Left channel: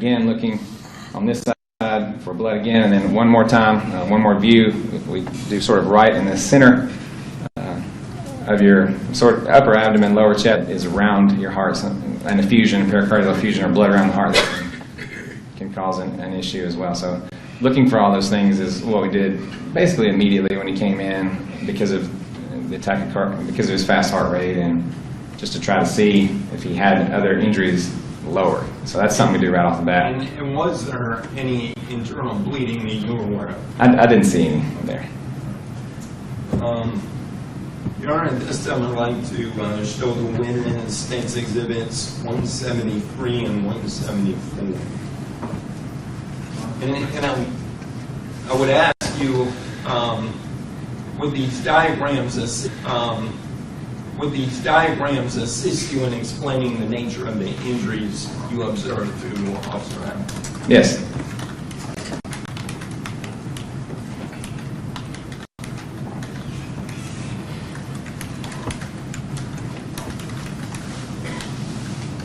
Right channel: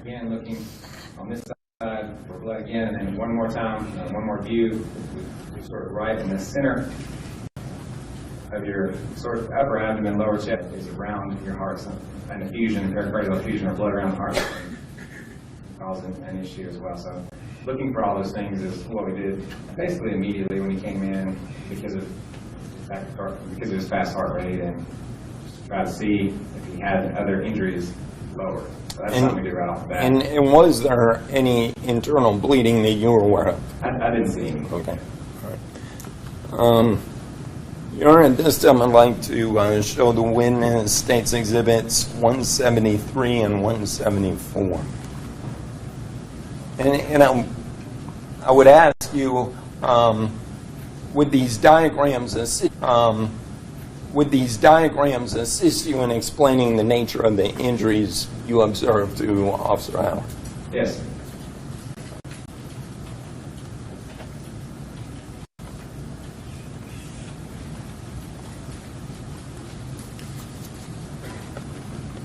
again, looking on this side for blood again, and then one more time, one more view. We do sort of right in the center of your sort of upper abdomen, lower chest is around your heart, an effusion, pericardial effusion, or blood around the heart that can cause an issue as well. So looking for all those things is what we did basically immediately when he came in because of the tachycardia, because of his fast heart rate, and just to try to see if he had other injuries lower. So that's something we do right off the bat. And was there any internal bleeding that you were aware of? I didn't see any there. Your Honor, at this time I'd like to show the witness State's Exhibits 173 and 174. And I would ask you, would these diagrams assist you in explaining the nature of the injuries you observed to Officer Allen? Yes.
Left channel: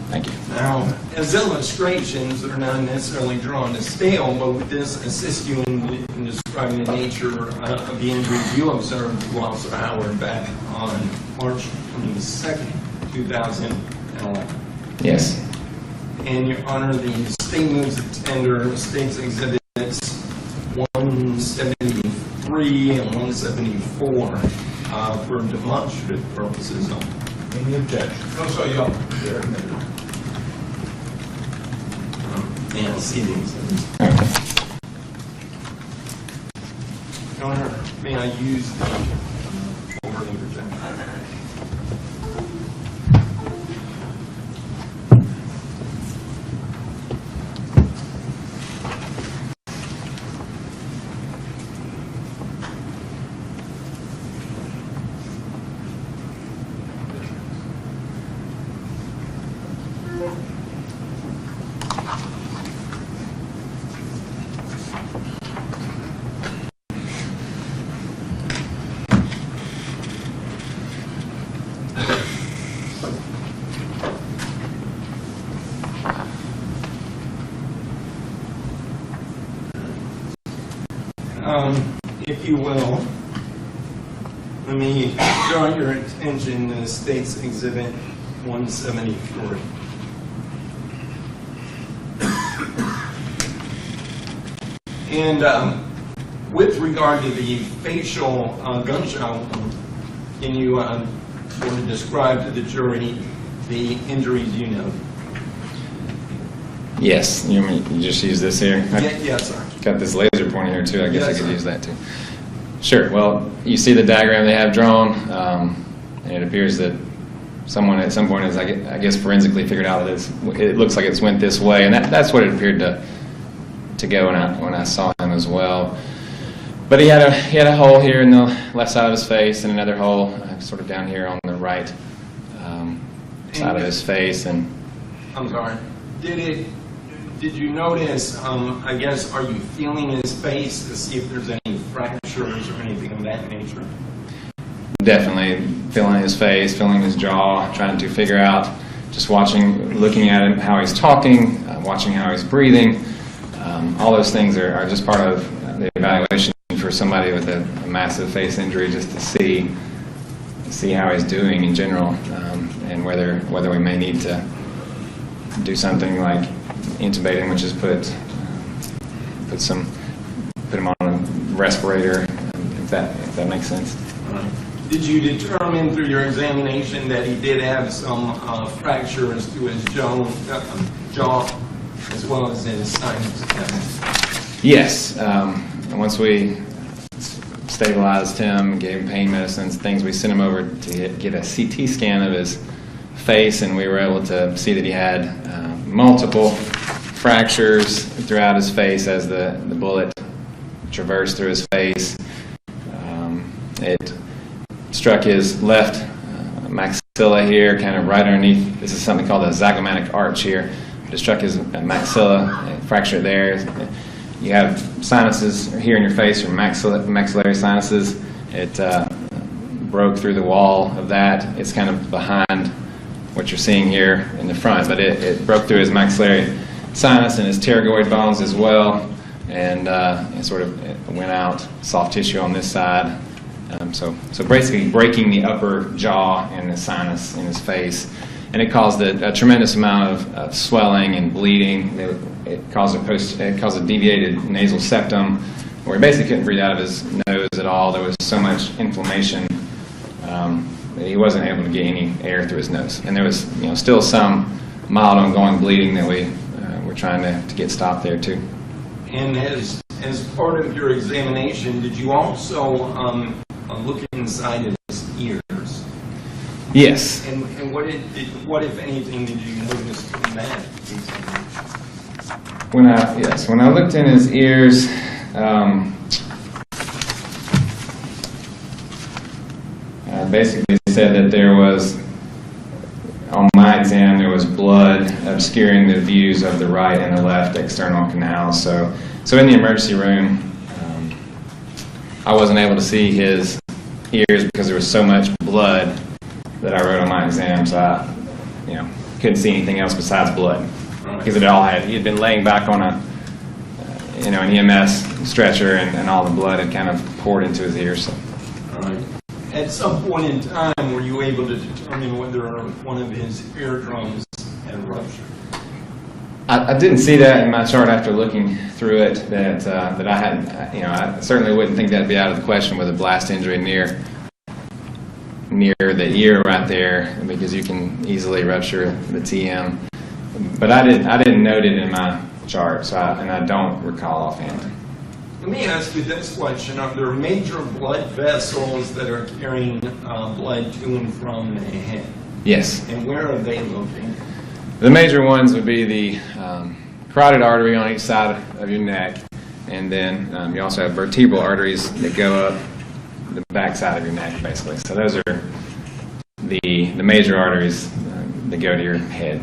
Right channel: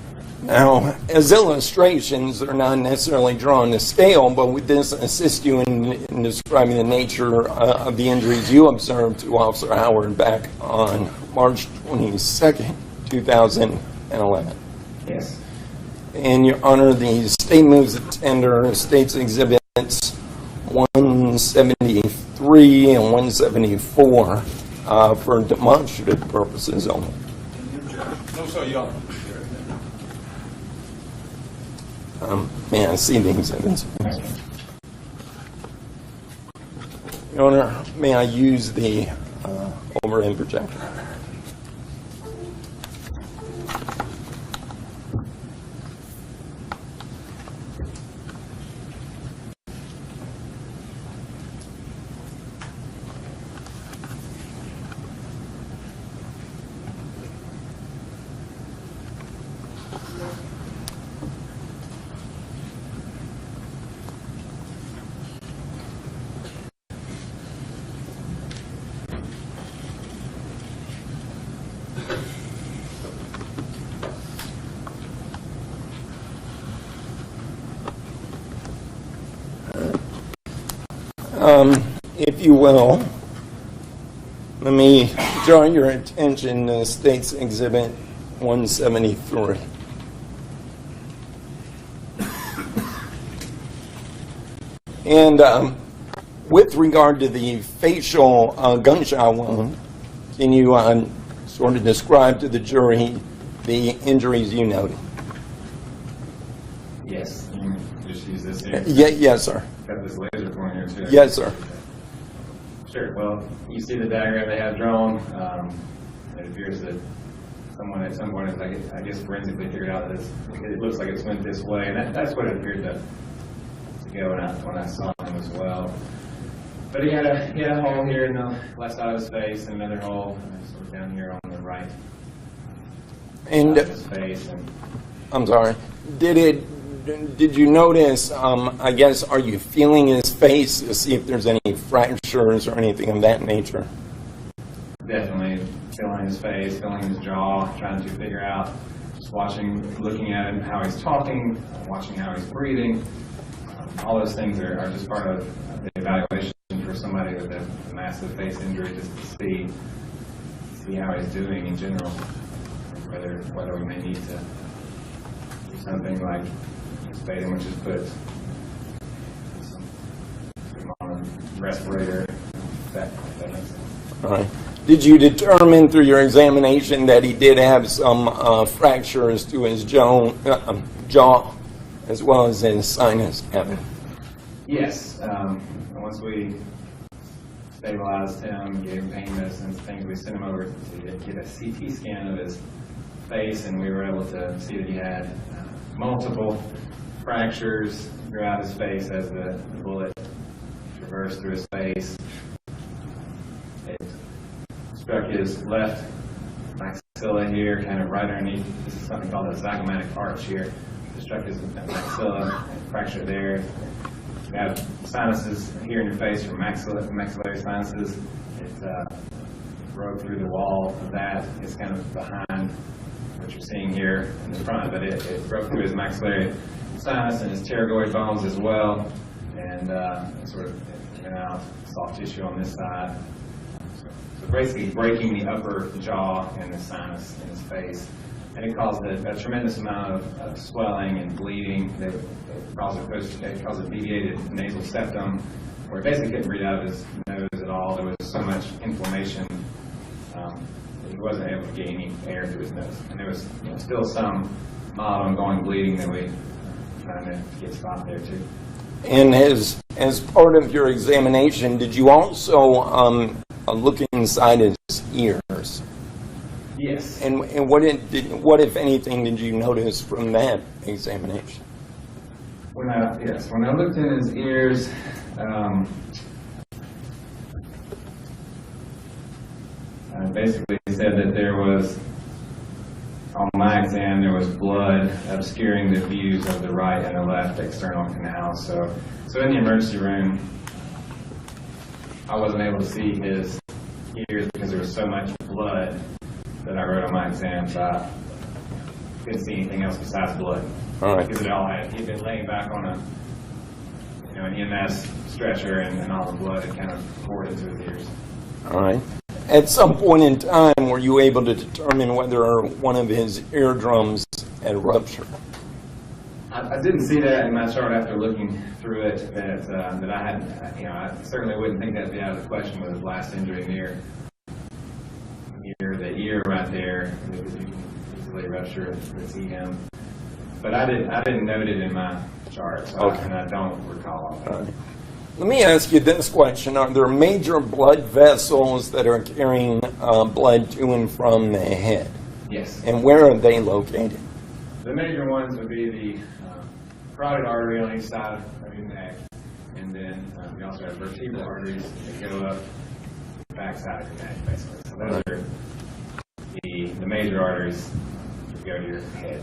Thank you. Now, as illustrations, they're not necessarily drawn to scale, but would this assist you in describing the nature of the injuries you observed to Officer Howard back on March 22nd, 2011? Yes. And Your Honor, the State moves to tender State's Exhibits 173 and 174 for demonstrative purposes only. Any objection? No, sir, y'all. Yeah, I see the exhibits. Your Honor, may I use the overhead projector? If you will, let me draw your attention to State's Exhibit 173. And with regard to the facial gunshot wound, can you sort of describe to the jury the injuries you noted? Yes. You just use this here? Yes, sir. Got this laser pointer here too. I Yes, guess I sir. could use that too. Sure. Well, you see the diagram they have drawn, and it appears that someone at some point has, I guess, forensically figured out that it looks like it's went this way, and that's what it appeared to go when I saw him as well. But he had a hole here in the left side of his face, and another hole sort of down here on the right side of his face. And I'm sorry. Did you notice, I guess, are you feeling his face to see if there's any fractures or anything of that nature? Definitely feeling his face, feeling his jaw, trying to figure out, just looking at him, how he's talking, watching how he's breathing. All those things are just part of the evaluation for somebody with a massive face injury, just to see how he's doing in general, and whether we may need to do something like intubating, which is put him on a respirator, if that makes sense. All right. Did you determine through your examination that he did have some fractures to his jaw as well as his sinus cavity? Yes. Once we stabilized him, gave him pain medicines, things, we sent him over to get a CT scan of his face, and we were able to see that he had multiple fractures throughout his face as the bullet traversed through his face. It struck his left maxilla here, kind of right underneath. This is something called a zygomatic arch here. It struck his maxilla, fractured there. You have sinuses here in your face, your maxillary sinuses. It broke through the wall of that. It's kind of behind what you're seeing here in the front, but it broke through his maxillary sinus and his pterygoid bones as well, and it sort of went out, soft tissue on this side. So basically breaking the upper jaw and the sinus in his face, and it caused a tremendous amount of swelling and bleeding. It caused a deviated nasal septum, where he basically couldn't breathe out of his nose at all. There was so much inflammation that he wasn't able to get any air through his nose, and there was still some mild ongoing bleeding that we were trying to get stopped there too. And as part of your examination, did you also look inside his ears? Yes. And what if anything, did you notice from that examination? When I looked in his ears, basically said that there was, on my exam, there was blood obscuring the views of the right and the left external canals. So in the emergency room, I wasn't able to see his ears because there was so much blood that I wrote on my exam. So I, couldn't see anything else besides blood. Right. Because he had been laying back on an EMS stretcher, and all the blood had kind of poured into his ears. So. All right. At some point in time, were you able to determine whether one of his eardrums had ruptured? I didn't see that in my chart after looking through it. That I had, I certainly wouldn't think that'd be out of the question with a blast injury near the ear right there, because you can easily rupture the TM. But I didn't note it in my chart, so and I don't recall offhand. Let me ask you this question. Are there major blood vessels that are carrying blood to and from the head? Yes. And where are they located? The major ones would be the carotid artery on each side of your neck, and then you also have vertebral arteries that go up the back side of your neck, basically. So those are the major arteries that go to your head.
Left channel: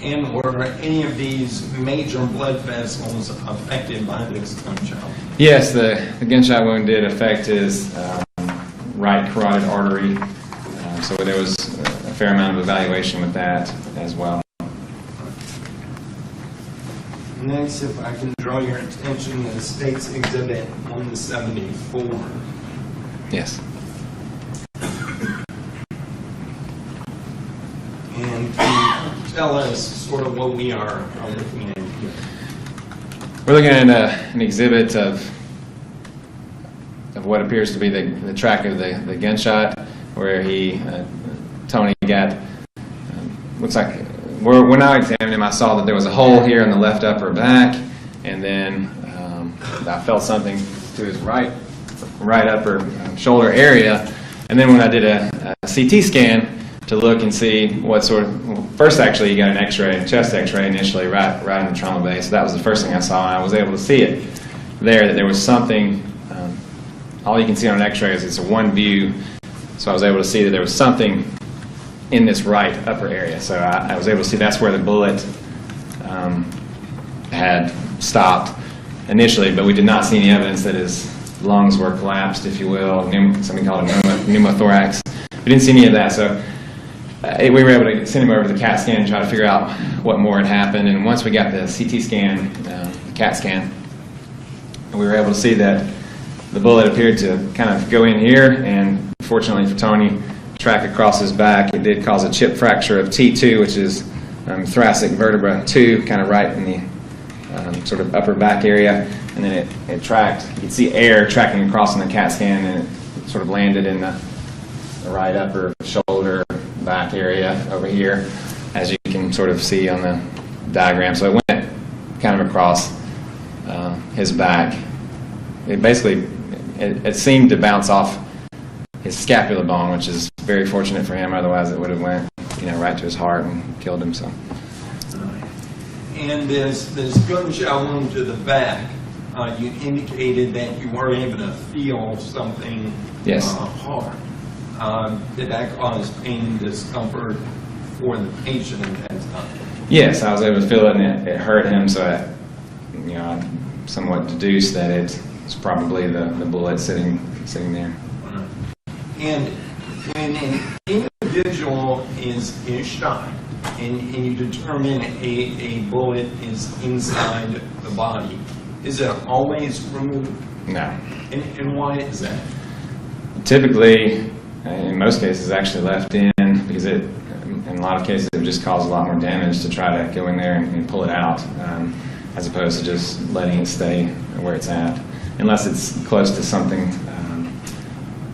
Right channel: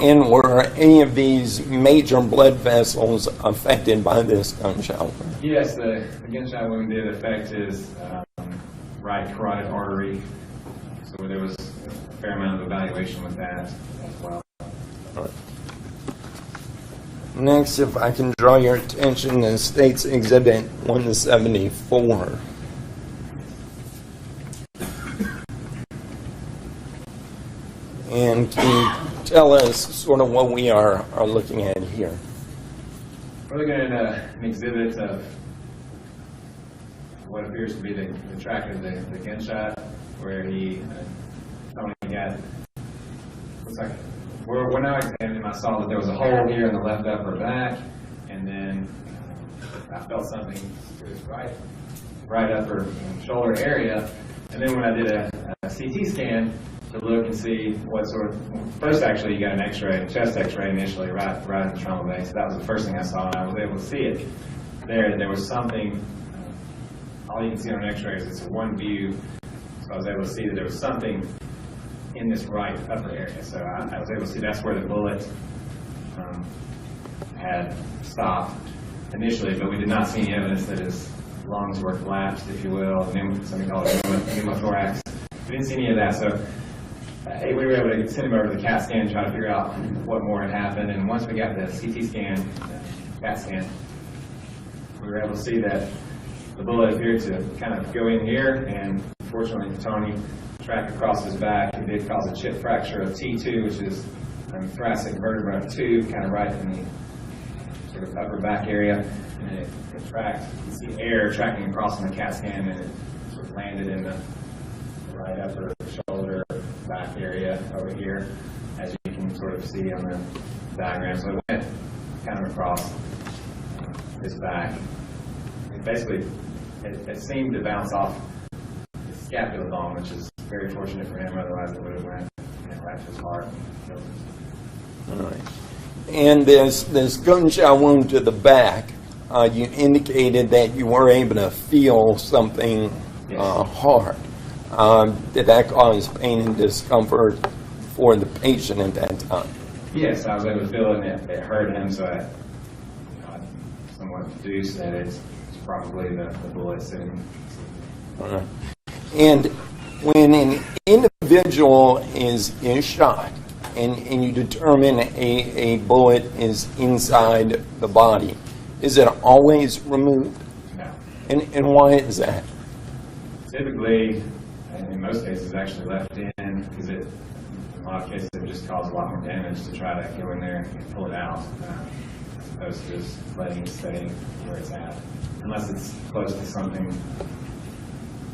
And were any of these major blood vessels affected by this gunshot? Yes, the gunshot wound did affect his right carotid artery, so there was a fair amount of evaluation with that as well. Next, if I can draw your attention to State's Exhibit 174. Yes. And can you tell us sort of what we are looking at here? We're looking at an exhibit of what appears to be the track of the gunshot, where Tony got, looks like, when I examined him, I saw that there was a hole here in the left upper back, and then I felt something to his right upper shoulder area, and then when I did a CT scan to look and see what sort of, first actually he got an x-ray, chest x-ray initially, right in the trauma bay, so that was the first thing I saw, and I was able to see it there, that there was something, all you can see on an x-ray is it's a one view, so I was able to see that there was something in this right upper area, so I was able to see that's where the bullet had stopped initially, but we did not see any evidence that his lungs were collapsed, if you will, something called a pneumothorax. We didn't see any of that, so we were able to send him over to the CAT scan and try to figure out what more had happened. And once we got the CT scan, CAT scan, we were able to see that the bullet appeared to kind of go in here, and fortunately for Tony, track across his back. It did cause a chip fracture of T2, which is thoracic vertebra 2, kind of right in the sort of upper back area. And then it tracked, you could see air tracking across in the CAT scan, and it sort of landed in the right upper shoulder back area over here, as you can sort of see on the diagram. So it went kind of across his back. It basically, it seemed to bounce off his scapula bone, which is very fortunate for him. Otherwise, it would have went, right to his heart and killed him. So. All right. And this gunshot wound to the back, you indicated that you were able to feel something hard. Did that cause pain and discomfort for the patient at that time? Yes, I was able to feel it, and it hurt him, so I somewhat deduced that it's probably the bullet sitting there. And when an individual is shot, and you determine a bullet is inside the body, is it always removed? No. And why is that? Typically, in most cases, actually left in because in a lot of cases, it would just cause a lot more damage to try to go in there and pull it out, as opposed to just letting it stay where it's at, unless it's close to something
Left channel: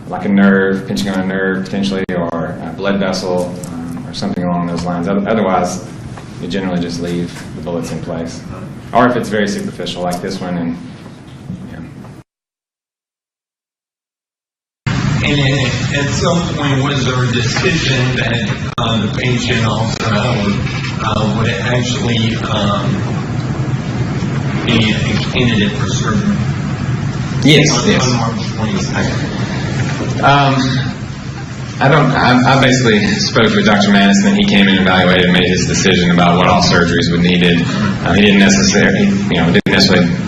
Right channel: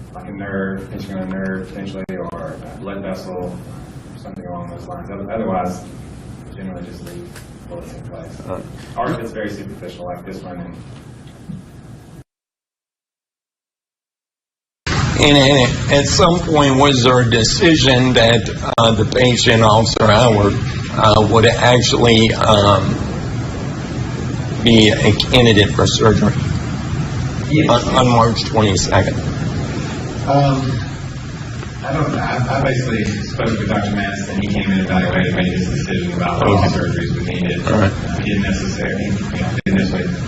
like a nerve, pinching on a nerve potentially, or a blood vessel, or something along those lines. Otherwise, you generally just leave the bullets in place. Or if it's very superficial, like this one, and And at some point, was there a decision that the patient, Officer Howard, would actually be a candidate for surgery? Yes. On March 22nd. I basically spoke with Dr. Madison, and he came and evaluated and made his decision about what all surgeries would needed. He didn't necessarily,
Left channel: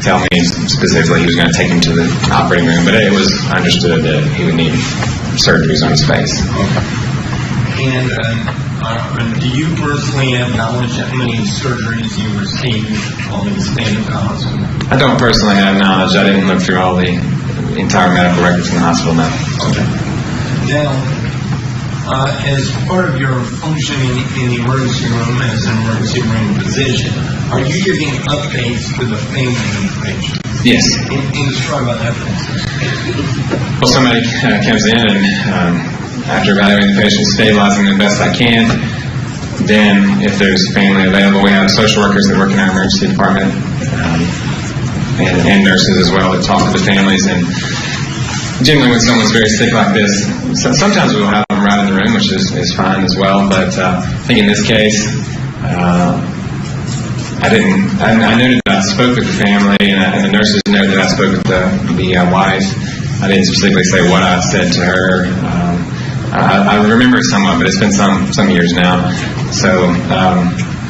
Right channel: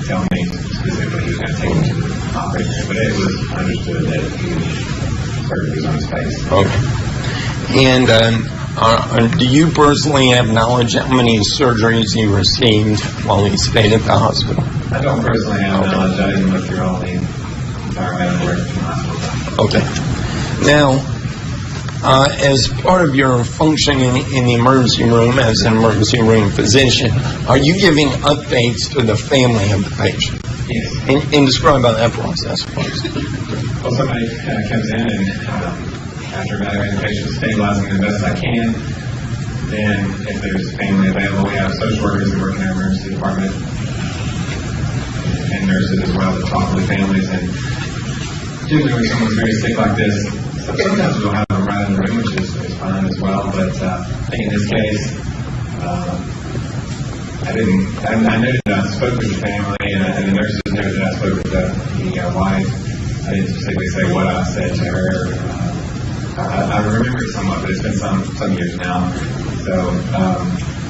tell me specifically he was going to take him to the operating room, but it was understood that he would need surgeries on his face. Okay. And do you personally have knowledge how many surgeries he received while he stayed at the hospital? I don't personally have knowledge. I didn't look through all the entire medical records in the hospital now. Okay. Now, as part of your functioning in the emergency room as an emergency room physician, are you giving updates to the family of the patient? Yes. And describe about that process. Well, somebody comes in and after evaluating the patient, stabilizing them the best I can, then if there's family available, we have social workers that work in our emergency department and nurses as well that talk to the families. And generally when someone's very sick like this, sometimes we'll have them right in the room, which is fine as well. But I think in this case, I noted that I spoke with the family, and the nurses noted that I spoke with the wife. I didn't specifically say what I said to her. I remember it somewhat, but it's been some years now. So,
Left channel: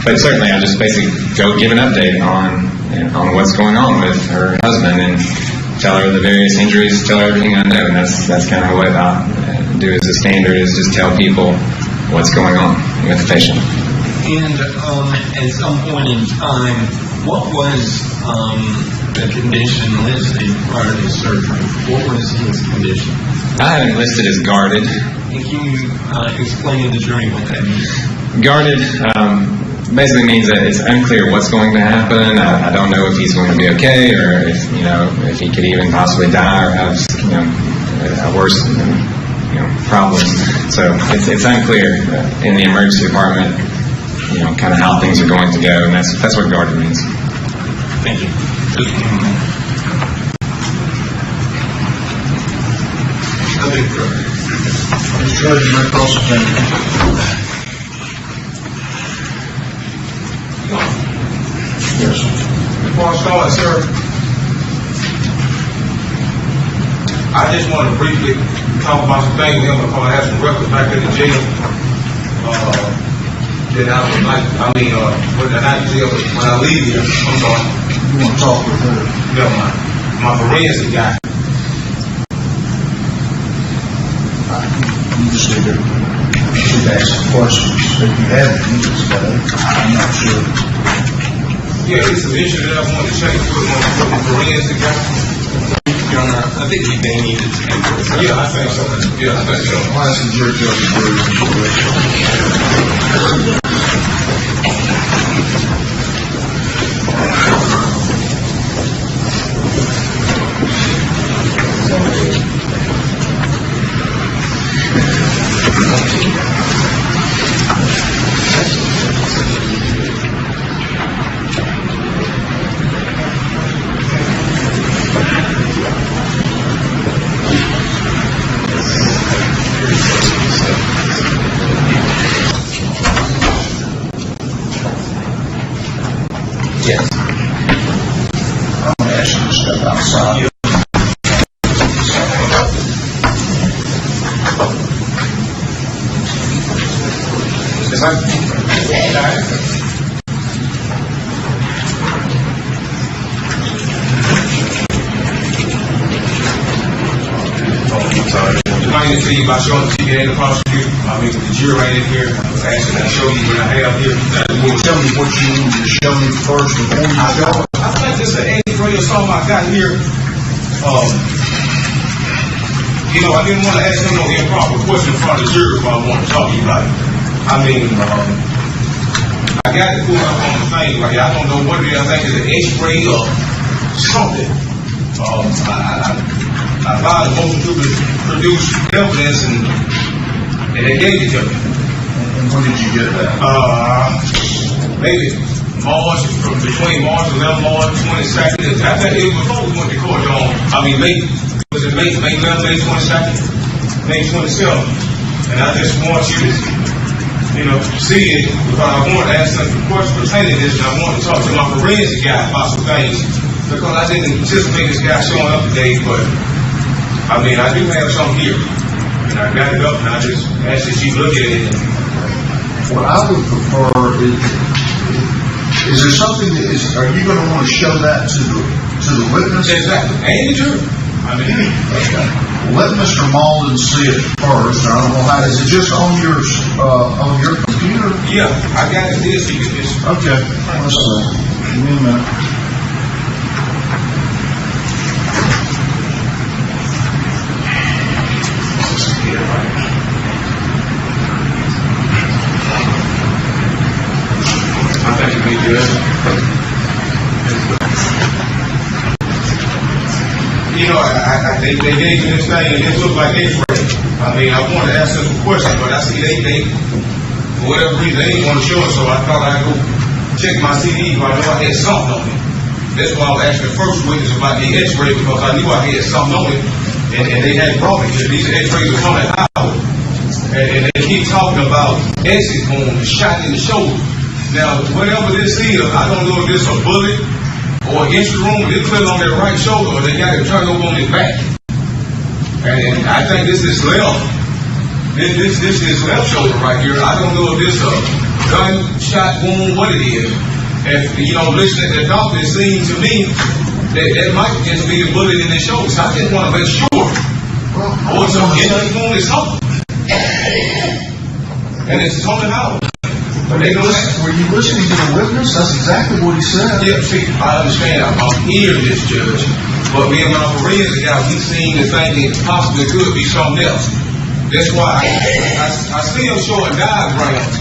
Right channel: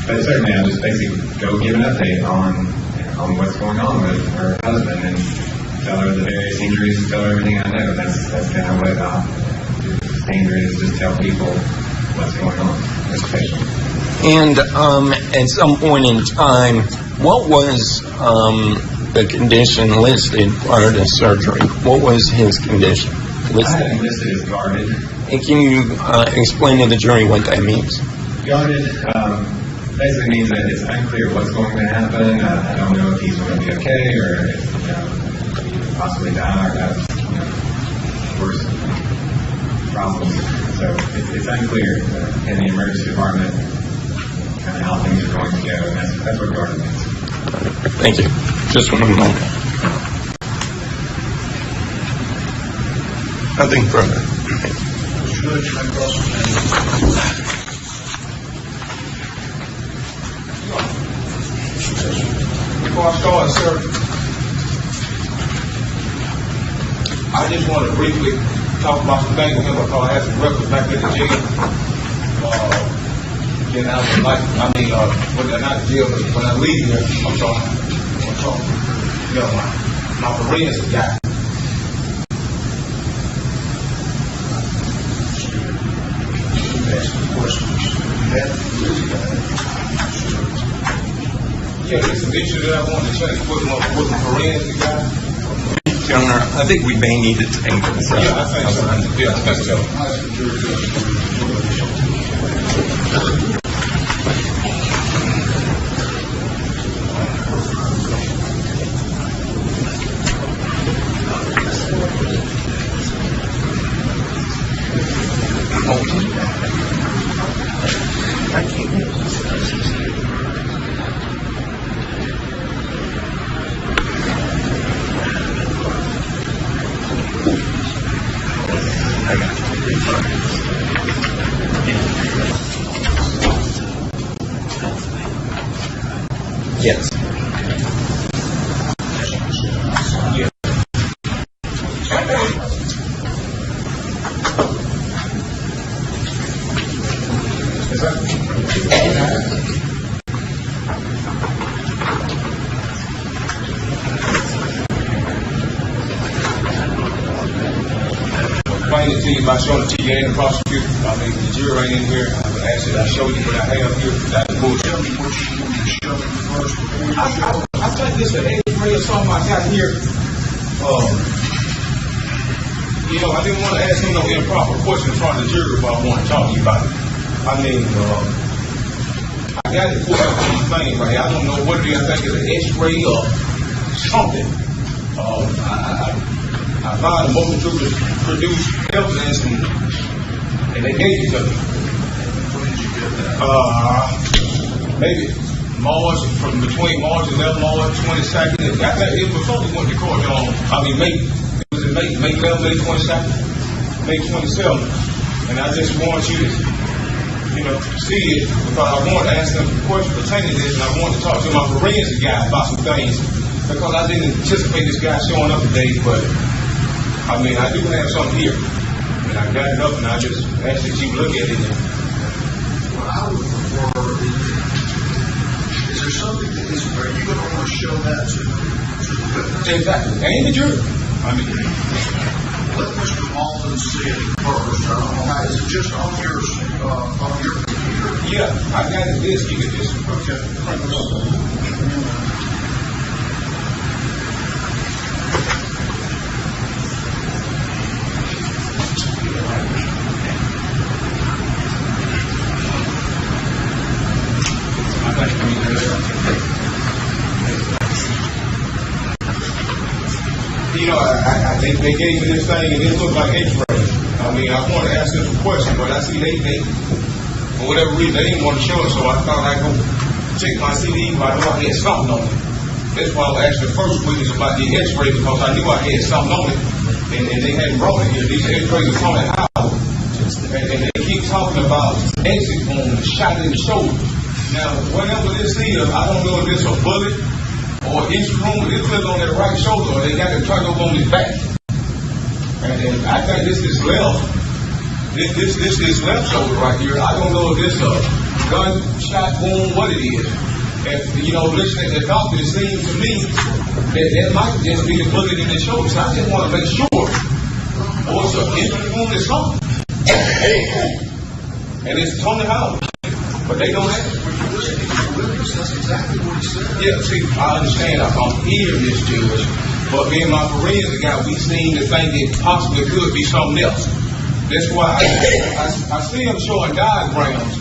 but certainly I just basically go give an update on what's going on with her husband and tell her the various injuries, tell her everything I know. And that's kind of what I do as a standard, is just tell people what's going on with the patient. And at some point in time, what was the condition listed prior to surgery? What was his condition? I had it listed as guarded. And can you explain to the jury what that means? Guarded basically means that it's unclear what's going to happen. I don't know if he's going to be okay, or if he could even possibly die or have a worse problems. So it's unclear in the emergency department, kind of how things are going to go, and that's what guarded means. Thank you. Just one moment. Nothing further. Judge, my cross-examiner. Before I start, sir, I just want to briefly talk about some things we're going to have some records back in the jail. Then I would like, when they're not in jail, when I leave here, I'm sorry, you want to talk with her? Never mind. My forensic guy. You just need to ask some questions. If you haven't, I'm not sure. Yeah, it's an issue that I wanted to check and put the forensic guy. Your Honor, I think we may need to take this. Yeah, I think so. Yeah, I think so. Why is the jury Yes. I'm going to ask you to step outside. Is that If I get to you by showing the TV and the prosecutor, the jury right in here. was asking, I show you what I have here. Will you tell me what you need to show me first before you show it? I think just an X-ray or something I got here. You know, I didn't want to ask him no improper question in front of the jury if I want to talk to you about it. I mean, I got to pull out on the thing right here. I don't know what it is. I think it's an X-ray or something. I filed a motion to produce evidence and they gave it to me. And when did you get that? Maybe March, between March 11th, March 22nd. I think it was only when the court on, was it May 11th, May 22nd, May 27th. And I just want you to, you know, see it, because I want to ask some questions pertaining to this, and I want to talk to my forensic guy about some things, because I didn't anticipate this guy showing up today, but, I mean, I do have some here. And I got it up, and I just asked that you look at it. What I would prefer is there something that is, are you going to want to show that to the witness? Exactly. And the jury. I mean, okay. Let Mr. Malden see it first. I don't know how, is it just on your computer? Yeah, I got it this. You get this. Okay. Give me a minute. You know, they gave me this thing, and it looked like X-ray. I mean, I wanted to ask them some questions, but I see they for whatever reason, they didn't want to show it, so I thought I'd go check my CD, but I know I had something on it. That's why I was asking the first witness about the X-ray, because I knew I had something on it, and they hadn't brought it here. These X-rays are on that hour. And they keep talking about exit wound, shot in the shoulder. Now, whatever this is, I don't know if it's a bullet or an instrument, they put it on their right shoulder, or they got it turned over on his back. And I think this is left. This is left shoulder right here. I don't know if this a gunshot wound, what it is. And, you know, listening to the doctor, it seems to me that might just be the bullet in the shoulder. So I just want to make sure. Or it's an injury wound or something. And it's on the house. But they don't listen. Were you listening to the witness? That's exactly what he said. Yeah, see, I understand. I'm hearing this, Judge. But me and my forensic guy, we seem to think it possibly could be something else. That's why I see them showing diagrams,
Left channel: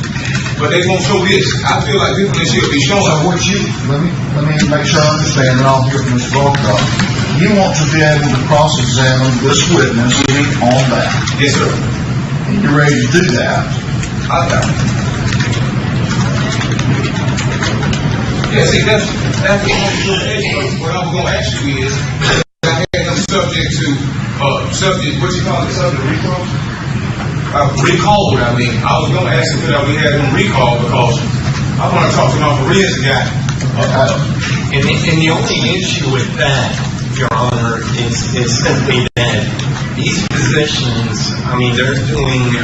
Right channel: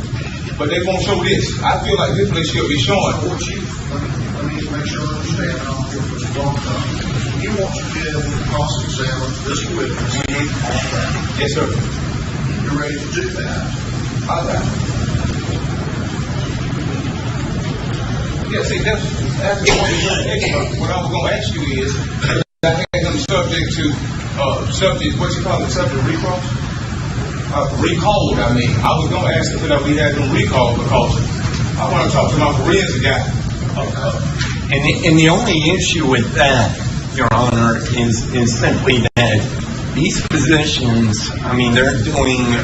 but they won't show this. I feel like people that should be showing. Let me make sure I understand, and I'll hear from Mr. Barcroft. You want to be able to cross-examine this witness on that. Yes, sir. And you're ready to do that. I got it. Yeah, see, that's what I was going to ask you is, I had them subject to, what you call it, subject recall? Recalled, I mean. I was going to ask if we had them recalled because I want to talk to my forensic guy. And the only issue with that, Your Honor, is simply that these physicians, I mean, they're doing,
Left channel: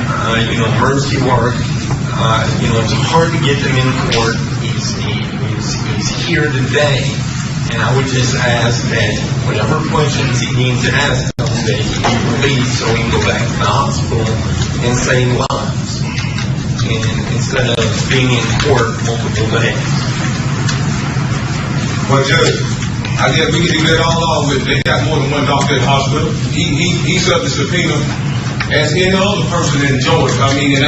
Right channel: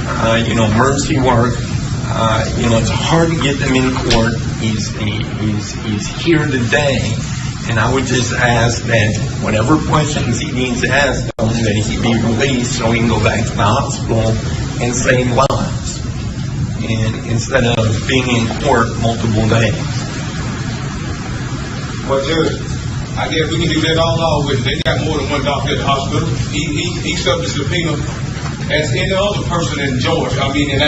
emergency work. It's hard to get them in court. He's here today, and I would just ask that whatever questions he needs to ask them, that he be released so he can go back to the hospital and save lives, and instead of being in court multiple days. But Judge, I guess we can do that all along with. They got more than one doctor at the hospital. He's up to subpoena as any other person in Georgia. I mean, a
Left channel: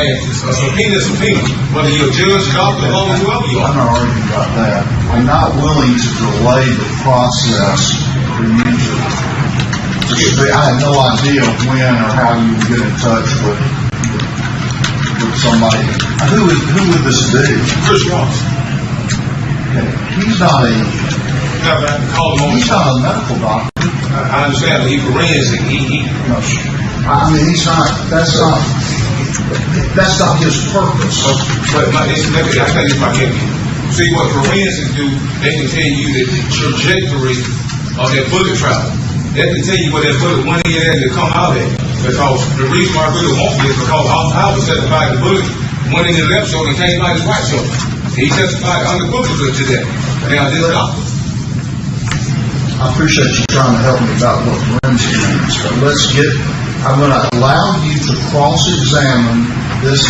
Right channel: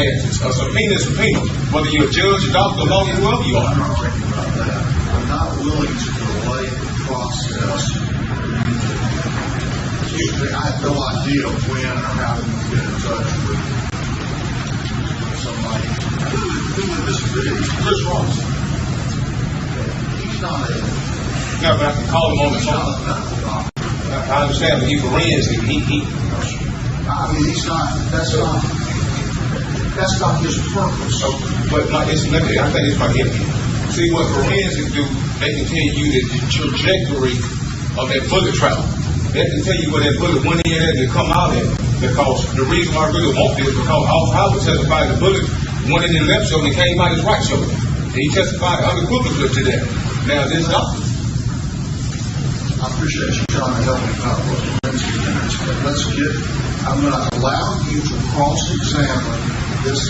subpoena, whether you're a judge, doctor, lawyer, whoever you are. I'm not arguing about that. I'm not willing to delay the process for you to. I have no idea when or how you would get in touch with somebody. Who would this be? Chris Ross. He's not He's not a medical doctor. I understand, but he's forensic. I mean, that's not his purpose. But I think if I help you. See, what forensics do, they can tell you the trajectory of that bullet travel. They can tell you where that bullet went in and come out at. Because the reason why I really won't be is because I was testified the bullet went in the left shoulder and came out his right shoulder. He testified unequivocally to that. Now, this doctor. I appreciate you trying to help me about what forensic means, but I'm going to allow you to cross-examine this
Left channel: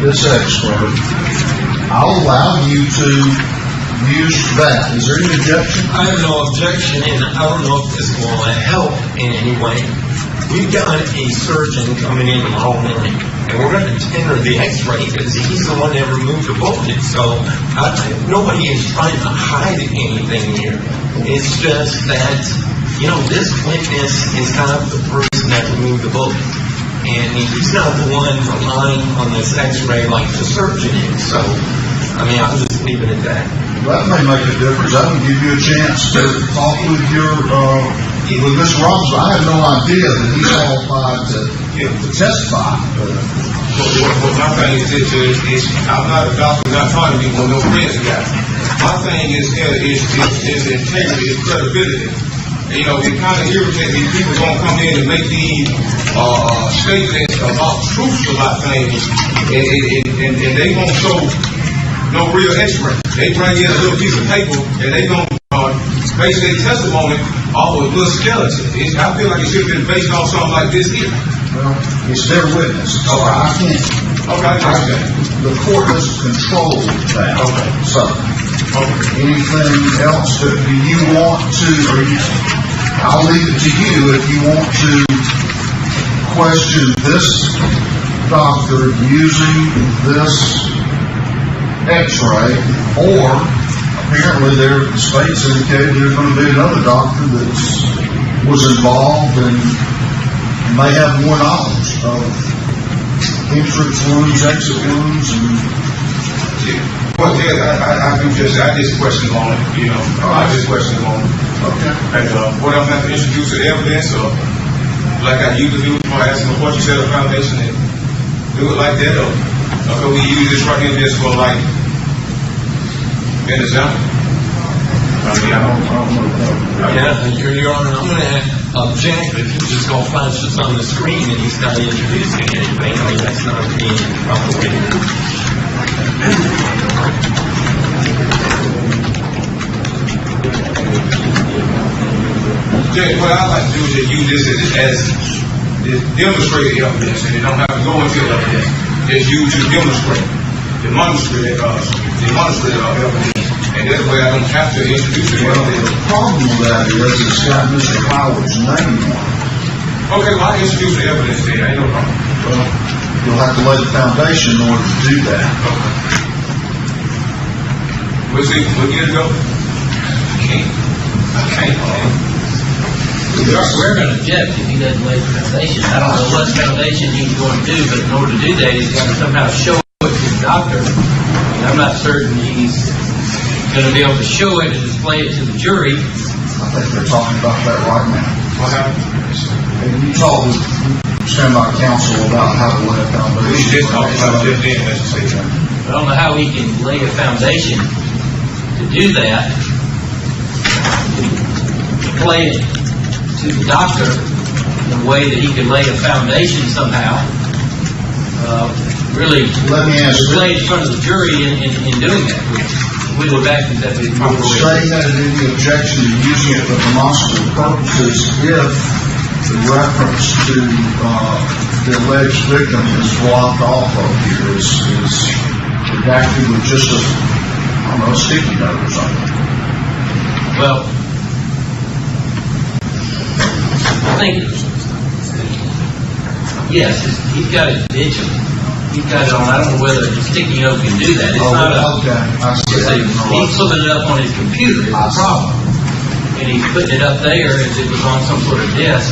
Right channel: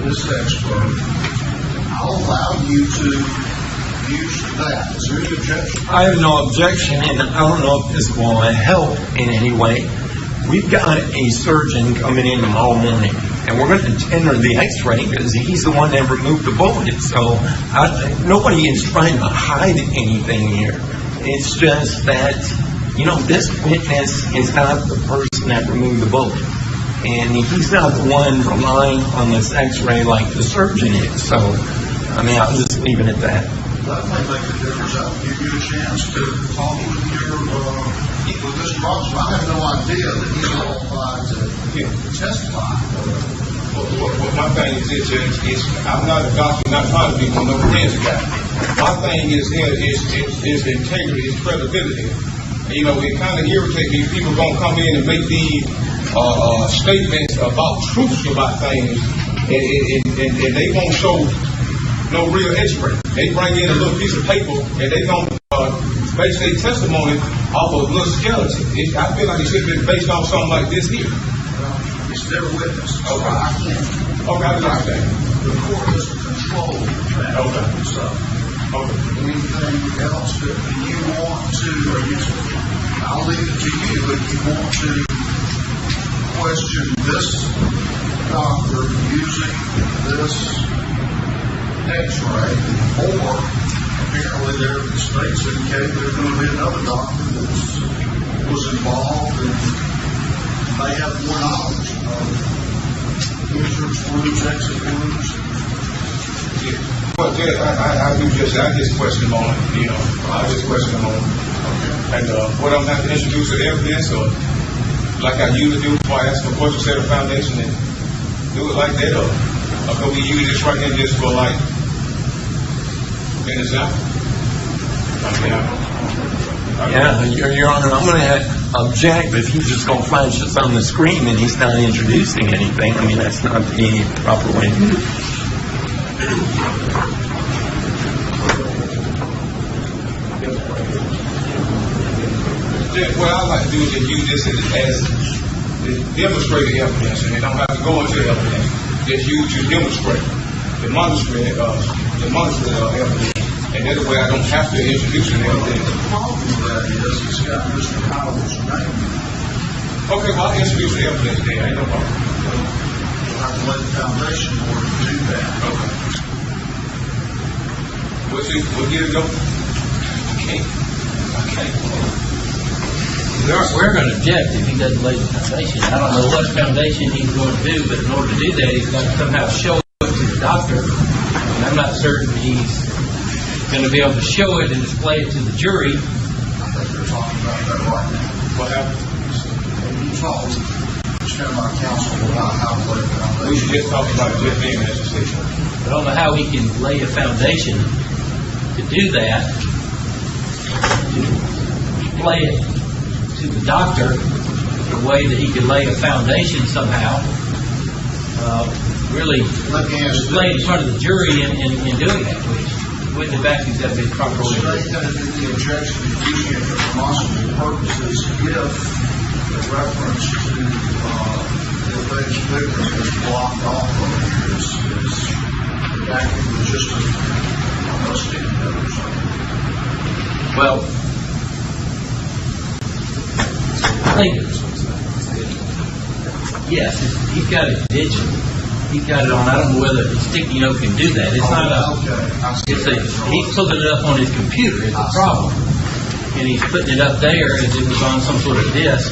this X-ray, I'll allow you to use that. Is there any objection? I have no objection, and I don't know if this will help in any way. We've got a surgeon coming in tomorrow morning, and we're going to tender the X-ray because he's the one that removed the bullet. So nobody is trying to hide anything here. It's just that, you know, this witness is not the person that removed the bullet, and he's not the one relying on this X-ray like the surgeon is. So, I mean, I'll just leave it at that. That may make a difference. That will give you a chance to talk with with Mr. Robinson. I have no idea that he's qualified to testify. What my thing is, I'm not a doctor, not trying to be one of those crazy guys. My thing is integrity, is credibility. You know, it kind of irritates these people gonna come in and make these statements about truths about things, and they won't show no real X-ray. They bring in a little piece of paper and they gonna base their testimony off of a little skeleton. I feel like it should have been based on something like this here. Well, it's their witness. So I can't. Okay. The court doesn't control that. Okay. So, anything else that you want to, I'll leave it to you if you want to question this doctor using this X-ray, or apparently their states indicated there's going to be another doctor that was involved and may have more knowledge of entrance wounds, exit wounds, and Well, yeah, I just question on it, you know. I just question on it. okay. And what I'm going to introduce the evidence, or like I usually do before I ask them a question, set a foundation, and do it like that, or could we use this right here just for like an example? I mean, I don't know. Yeah, Your Honor, I'm going to object if he's just going to flash this on the screen and he's not introducing anything. I mean, that's not the proper way to do it. Jay, what I like to do is just use this as demonstrated evidence, and it don't have to go into evidence. Just use it to demonstrate evidence. And that way I don't have to introduce it. The problem with that is it's got Mr. Howard's name on it. Okay, well, I introduce the evidence there. Ain't no problem. Well, you'll have to lay the foundation in order to do that. We'll see. We'll get it go. I can't. We're going to object if he doesn't lay the foundation. I don't know what foundation he's going to do, but in order to do that, he's got to somehow show it to the doctor. And I'm not certain he's going to be able to show it and display it to the jury. I think they're talking about that right now. What happened? And you talk with standby counsel about how to lay a foundation. We just talked about it just then, as you say. I don't know how we can lay a foundation to do that. Play it to the doctor the way that he can lay a foundation somehow. Really, Let me ask you. lay in front of the jury in doing that. We go back and that'd be the proper way. Saying that any objection to using it for demonstrative purposes if the reference to the alleged victim is blocked off of here is redacted with just a sticky note or something. Well, I think, yes, he's got it digital. He's got it on, I don't know whether the sticky note can do that. It's not a, Okay, I see. he's flipping it up on his computer, it's a problem. And he's putting it up there as it was on some sort of disk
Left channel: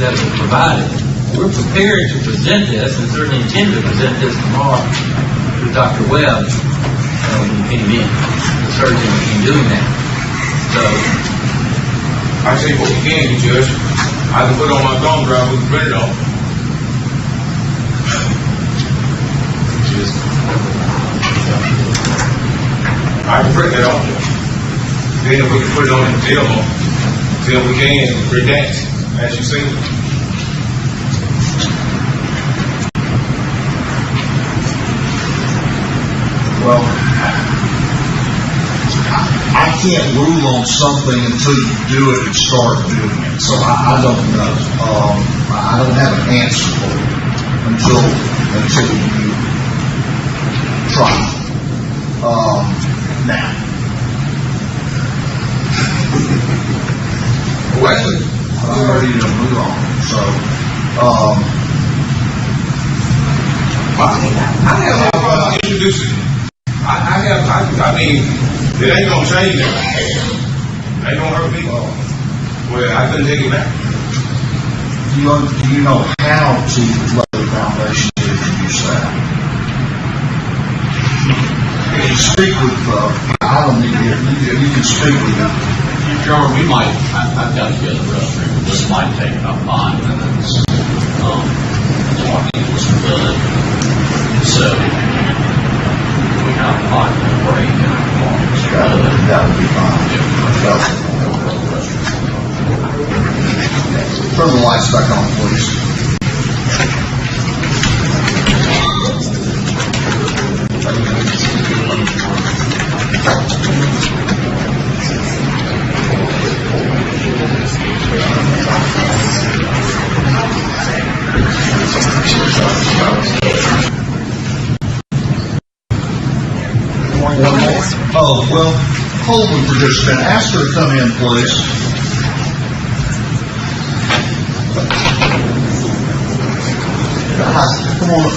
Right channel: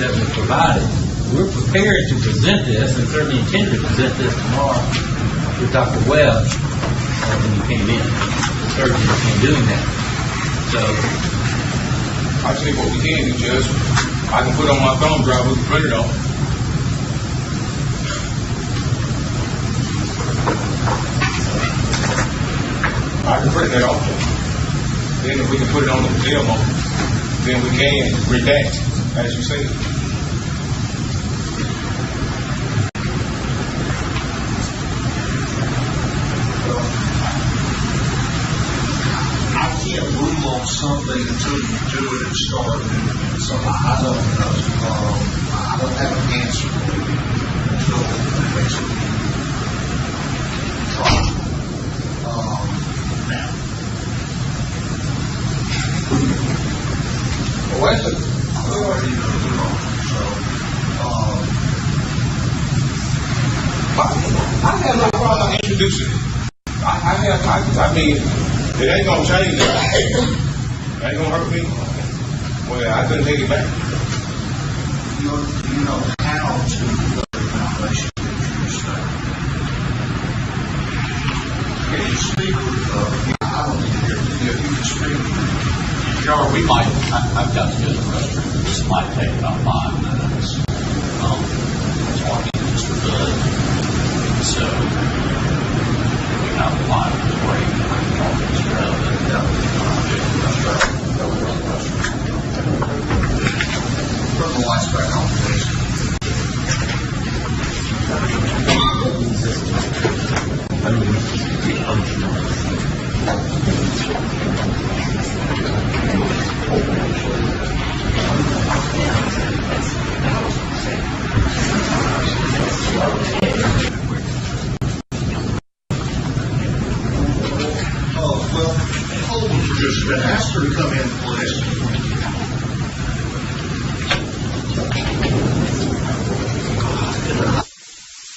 that was provided. We're prepared to present this and certainly intend to present this tomorrow to Dr. Webb when he came in. Certainly in doing that. So, I tell you what we can do, Judge. I can put it on my thumb drive, we can print it off. I can print that off, Judge. Then if we can put it on the demo, then we can redact, as you say. Well, I can't rule on something until you do it and start doing it. So I don't know. I don't have an answer for it until you trial. Now. Wesley, I'm ready to move on. So, I have no problem introducing. I mean, it ain't gonna change it. It ain't gonna hurt me. Well, I couldn't take it back. do you know how to lay the foundation to introduce that? You can speak with, I don't need to hear, you can speak with them. Sure, we might, I've got to go to the restroom, but this might take about 5 minutes. Talking to Mr. Bud. So, we have a 5-minute break. That would be fine. Turn the lights back on, please. Oh, well, hold on for just a minute. Ask her to come in, please.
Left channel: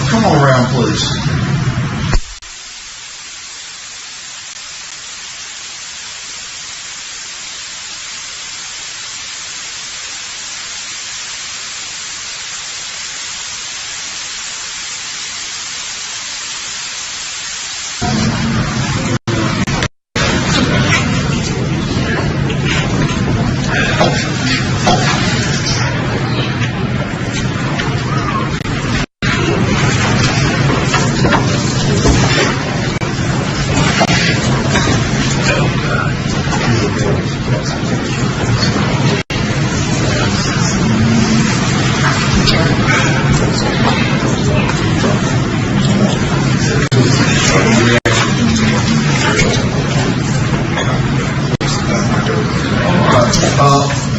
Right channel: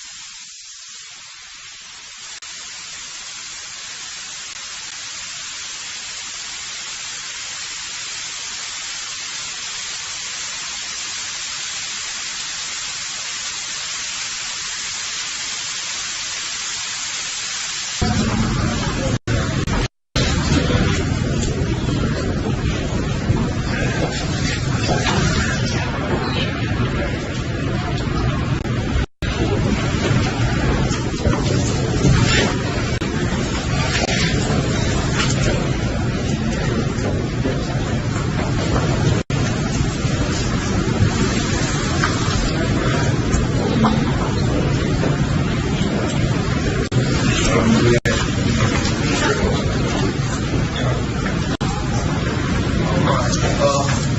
Come on around, please.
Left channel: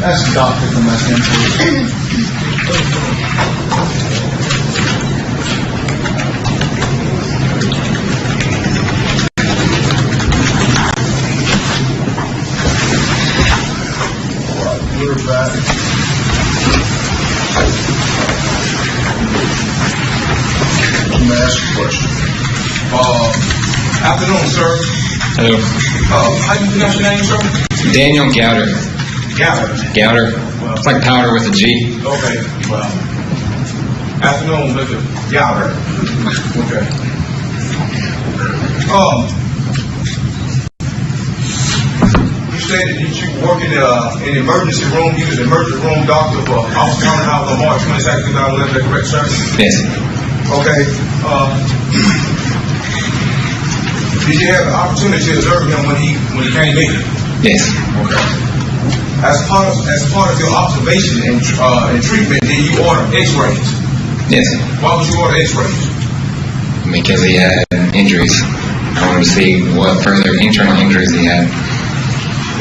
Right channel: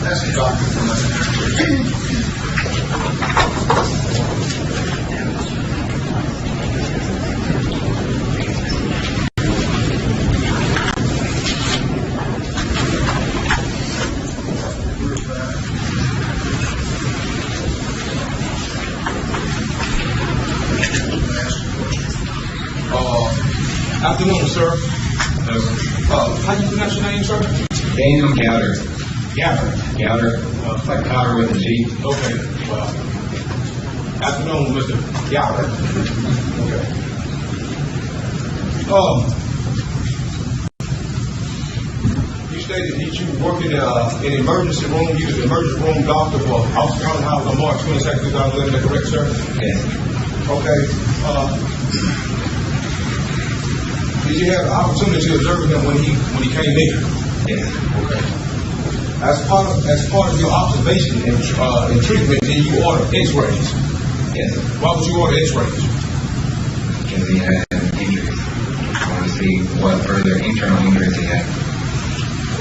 Ask the doctor to come back in. We're back. Let me ask you a question. Afternoon, sir. Hello. How do you pronounce your name, sir? Daniel Gowder. Gowder. It's like powder with a G. Okay, well, afternoon, Mr. Gowder. Okay. You stated that you worked in the emergency room. You was the emergency room doctor for Officer County House on March 22nd, 2011. Is that correct, sir? Yes. Okay. Did you have the opportunity to observe him when he came in? Yes. Okay. As part of your observation and treatment, did you order X-rays? Yes. Why would you order X-rays? Because he had injuries. I wanted to see what further internal injuries he had.